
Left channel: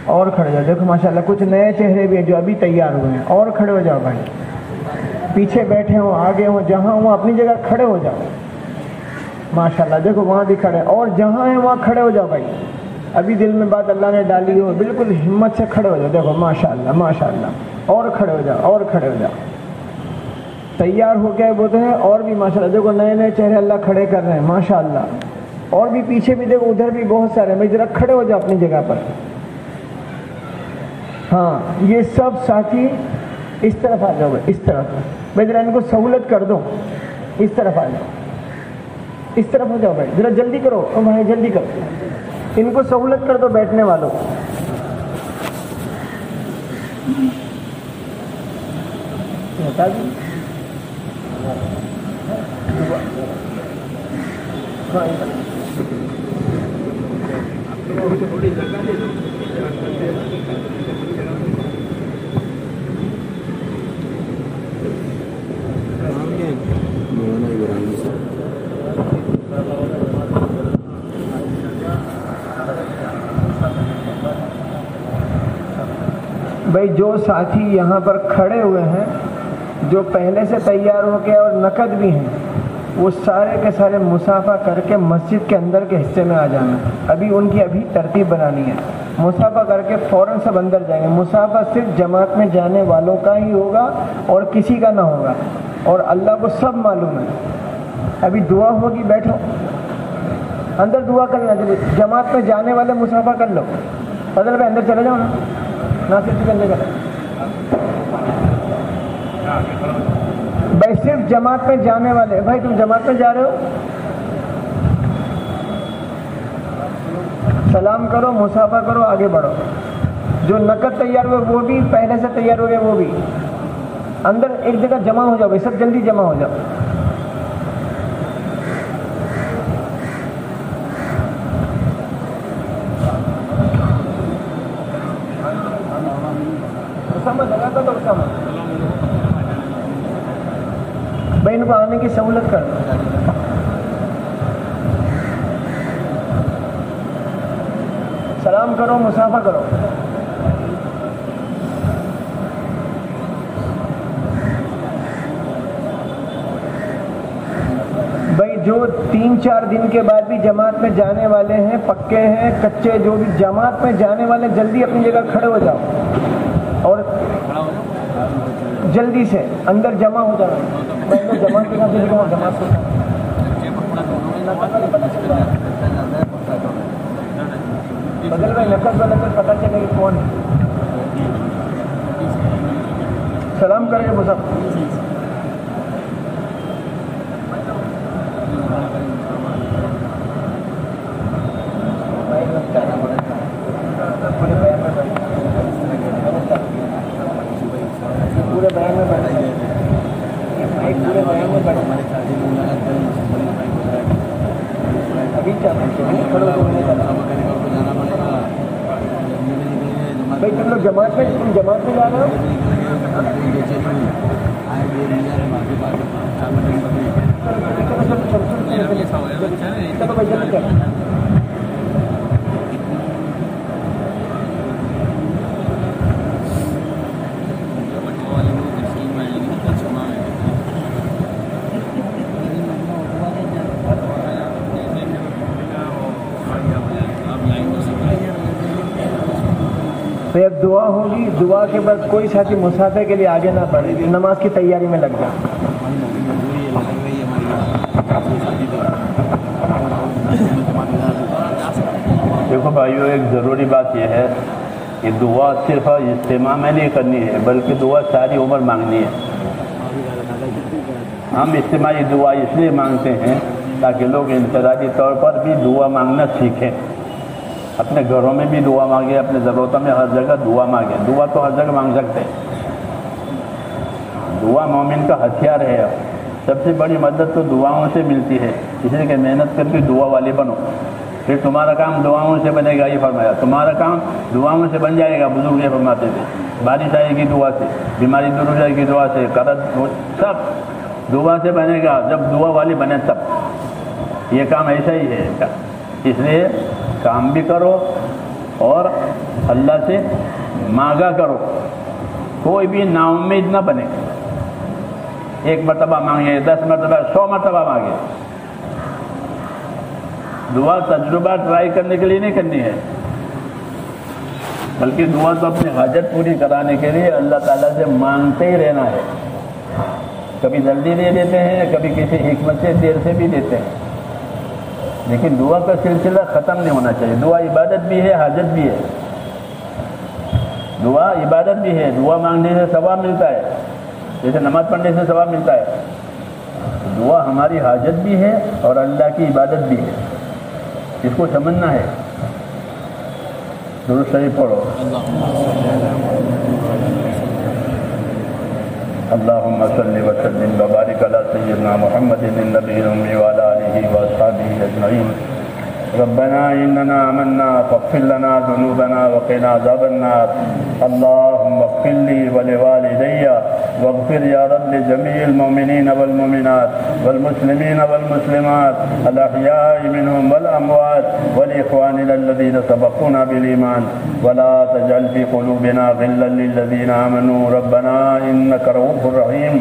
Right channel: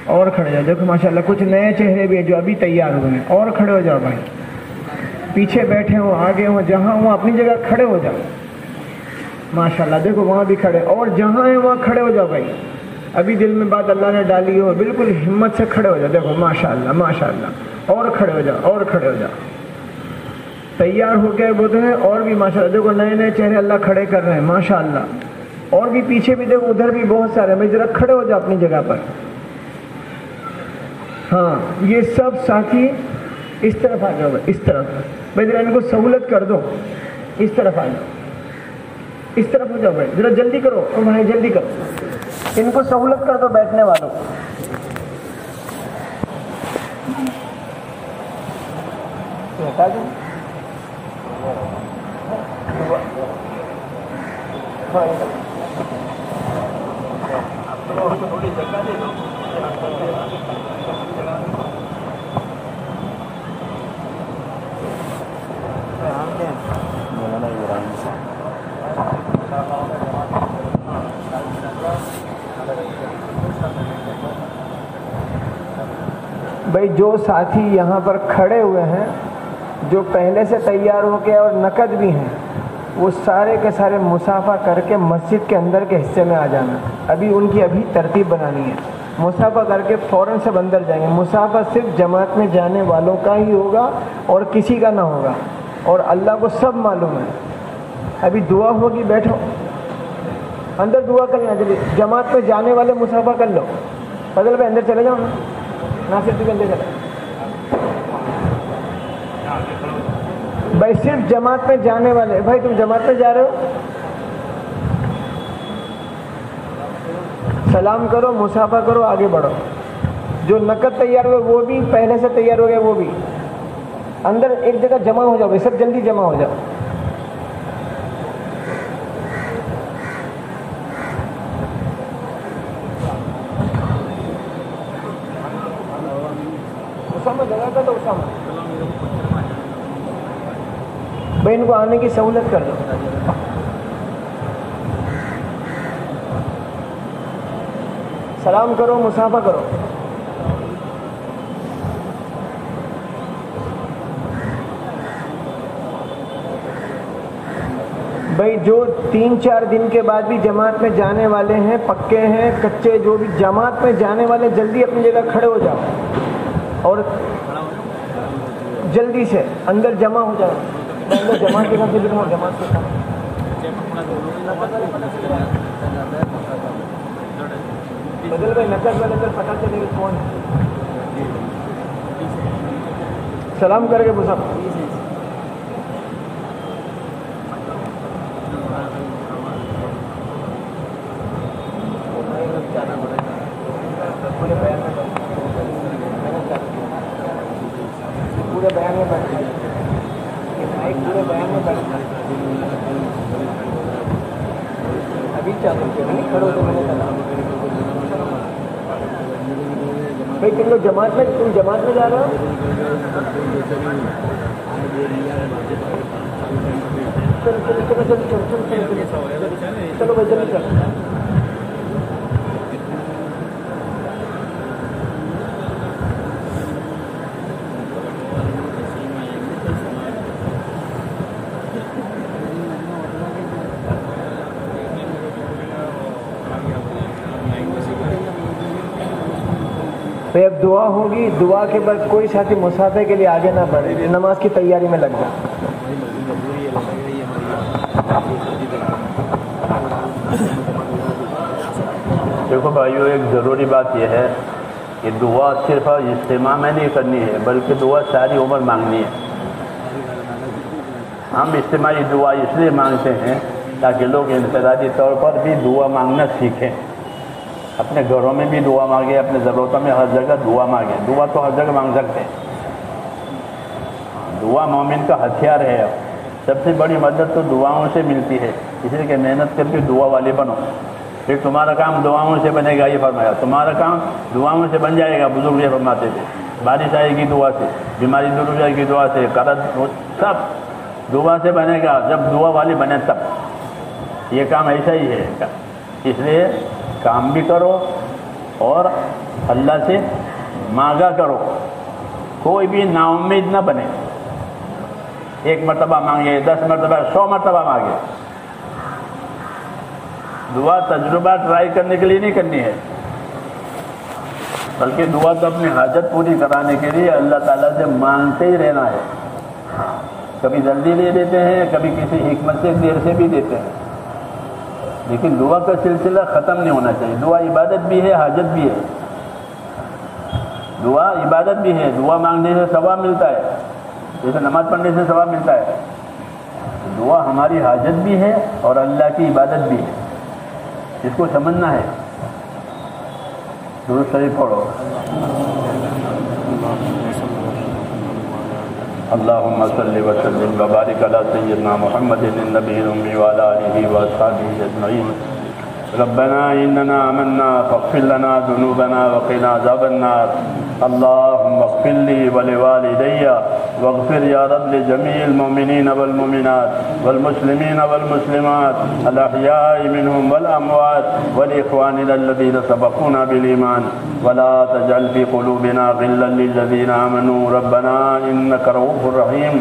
اور کھڑے ہو جاؤ۔ دیکھو ماشاءاللہ کچھ نئے چہرے بھی ہیں جو ابھی تیار ہوئے ہیں، اور کھڑے ہو جاؤ بھائی، پیچھے بیٹھے ہوں آگے ہوں جہاں ہوں اپنی جگہ کھڑے ہو جاؤ ماشاءاللہ۔ دیکھو وہاں بھی کھڑے، اور جہاں ہیں وہاں کھڑے ہو جاؤ بھائی، ابھی دل میں بات اللہ نے ڈالی ہو بالکل ہمت سے کھڑے ہو جاؤ، دیکھو ماشاءاللہ ماشاءاللہ، اور کھڑے ہو جاؤ، اور کھڑے ہو جاؤ، تیار ہو گئے بولتے ہیں، اور بھی ماشاءاللہ دیکھو نئے نئے چہرے اللہ کھڑے کر رہے ہیں ماشاءاللہ، اور بھی پیچھے بھی دیکھو ادھر بھی بہت سارے، میں ذرا کھڑے ہو جاؤ اپنی جگہ پر۔ ہاں یہ سب ساتھی اس طرف آ جاؤ، اس طرف بھائی، ذرا ان کو سہولت کر دو، اس طرف آ جاؤ، اس طرف ہو جاؤ بھائی، ذرا جلدی کرو، اور بھائی جلدی کرو، ان کو سہولت کر دو بیٹھنے والوں۔ بتا دوں بھائی جو ساتھی یہاں پر کھڑے ہوئے ہیں، جو پہلے سے تیار ہو کے اور نقد بھی ہیں، وہ سارے کے سارے مصافحہ کر کے مسجد کے اندر کے حصے میں آ جانا۔ ابھی ان کی ترتیب بنانی ہے، مصافحہ کر کے فوراً سب اندر جائیں گے۔ مصافحہ صرف جماعت میں جانے والوں کا ہی ہوگا اور کسی کا نہ ہوگا، اور اللہ کو سب معلوم ہے۔ ابھی دعا ہوگی، بیٹھو اندر دعا کرنا، جماعت میں جانے والے مصافحہ کر لو، فضل بھائی اندر چلے جاؤ نا، ناصر جی اندر چلے بھائی، صرف جماعت میں جانے والے، بھائی تم جماعت میں جا رہے ہو، سلام کرو، مصافحہ کرو، آگے بڑھو۔ جو نقد تیار ہوئے وہ بھی پہلے سے تیار ہو گئے، وہ بھی اندر ایک جگہ جمع ہو جاؤ، سب جلدی جمع ہو جاؤ۔ سمجھ لگا تھا تو اس کا بھائی ان کو آنے کی سہولت کر دو. سلام کرو, مسافہ کرو. بھائی جو 3-4 دن کے بعد بھی جماعت میں جانے والے ہیں, پکے ہیں کچے, جو بھی جماعت میں جانے والے جلدی اپنی جگہ کھڑے ہو جاؤ اور جلدی سے اندر جمع ہو جاؤ. جماعت کے ساتھ دکھاؤ, جماعت کے ساتھ بدل بھائی نقل بدل پتہ چلے گا کون ہے. سلام کر کے مسافر. پورے بیان میں بیٹھ پورے بیان میں بیٹھ ابھی چاہتے ہیں کھڑے ہو تو میں نے چلا. بھائی تم لوگ جماعت میں جا رہے ہو. چلو بھائی جلدی کر. اب دعا ہوگی, دعا کے بعد کوئی ساتھی مسافے کے لیے آگے نہ بڑھے, نماز کی تیاری میں لگ جائے. دیکھو بھائیو, ایک ضروری بات یہ ہے کہ دعا صرف اجتماع میں نہیں کرنی ہے بلکہ دعا ساری عمر مانگنی ہے. ہم اجتماعی دعا اس لیے مانگتے ہیں تاکہ لوگ انفرادی طور پر بھی دعا مانگنا سیکھیں. اپنے گھروں میں بھی دعا مانگے, اپنے ضرورتوں میں ہر جگہ دعا مانگے. دعا تو ہر جگہ مانگ سکتے ہیں. دعا مومن کا ہتھیار ہے. سب سے بڑی مدد تو دعاؤں سے ملتی ہے, اس لیے کہ محنت کر کے دعا والے بنو. پھر تمہارا کام دعاؤں سے بنے گا. یہ فرمایا تمہارا کام دعاؤں سے بن جائے گا. بزرگ یہ فرماتے تھے بارش آئے گی دعا سے, بیماری دور ہو جائے گی دعا سے, قرض سب دعا سے بنے گا. جب دعا والے بنے تب. یہ کام ایسا ہی ہے. اس لیے کام بھی کرو اور اللہ سے مانگا کرو. کوئی بھی نا امید نہ بنے. 1 مرتبہ مانگے, 10 مرتبہ, 100 مرتبہ مانگے. دعا تجربہ ٹرائی کرنے کے لیے نہیں کرنی ہے, بلکہ دعا تو اپنی حاجت پوری کرانے کے لیے اللہ تعالیٰ سے مانگتے ہی رہنا ہے. کبھی جلدی دے دیتے ہیں, کبھی کسی حکمت سے دیر سے بھی دیتے ہیں, لیکن دعا کا سلسلہ ختم نہیں ہونا چاہیے. دعا عبادت بھی ہے, حاجت بھی ہے. دعا عبادت بھی ہے. دعا مانگنے سے ثواب ملتا ہے, جیسے نماز پڑھنے سے ثواب ملتا ہے. دعا ہماری حاجت بھی ہے اور اللہ کی عبادت بھی ہے. اس کو سمجھنا ہے. درود شریف پڑھو. اللهم صل وسلم وبارك على سيدنا محمد النبي الأمي وعلى آله وأصحابه أجمعين. ربنا إننا آمنا فاغفر لنا ذنوبنا وقنا عذاب النار. اللهم اغفر لي ولوالدي واغفر يا رب لجميع المؤمنين والمؤمنات والمسلمين والمسلمات الأحياء منهم والأموات ولإخواننا الذين سبقونا بالإيمان ولا تجعل في قلوبنا غلا للذين آمنوا ربنا إنك رؤوف رحيم.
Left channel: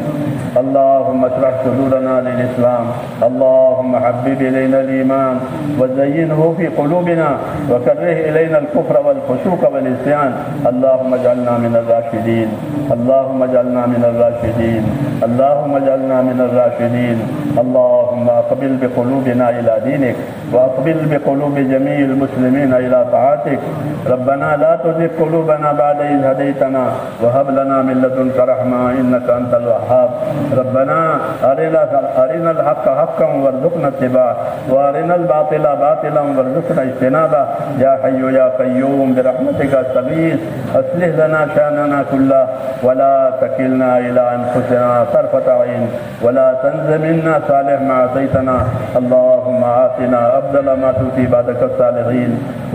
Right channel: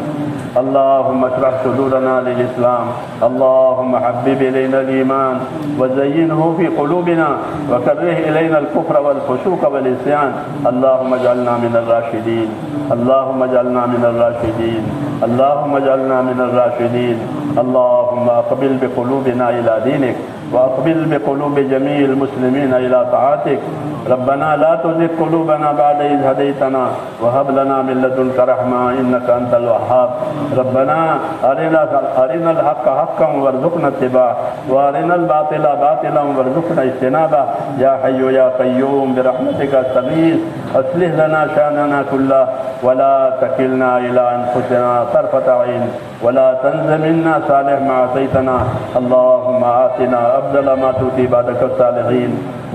اللهم اشرح صدورنا للإسلام. اللهم حبب إلينا الإيمان وزينه في قلوبنا وكره إلينا الكفر والفسوق والعصيان. اللهم اجعلنا من الراشدين. اللهم اجعلنا من الراشدين. اللهم اجعلنا من الراشدين. اللهم اقبل بقلوبنا إلى دينك وأقبل بقلوب جميع المسلمين إلى طاعتك. ربنا لا تزغ قلوبنا بعد إذ هديتنا وهب لنا من لدنك رحمة إنك أنت الوهاب. ربنا أرنا الحق حقا وارزقنا اتباعه وأرنا الباطل باطلا وارزقنا اجتنابه. يا حي يا قيوم برحمتك استغيث أصلح لنا شأننا كله ولا تكلنا إلى أنفسنا طرفة عين ولا تنز منا صالح ما أعطيتنا. اللهم آتنا أفضل ما تؤتي بعدك الصالحين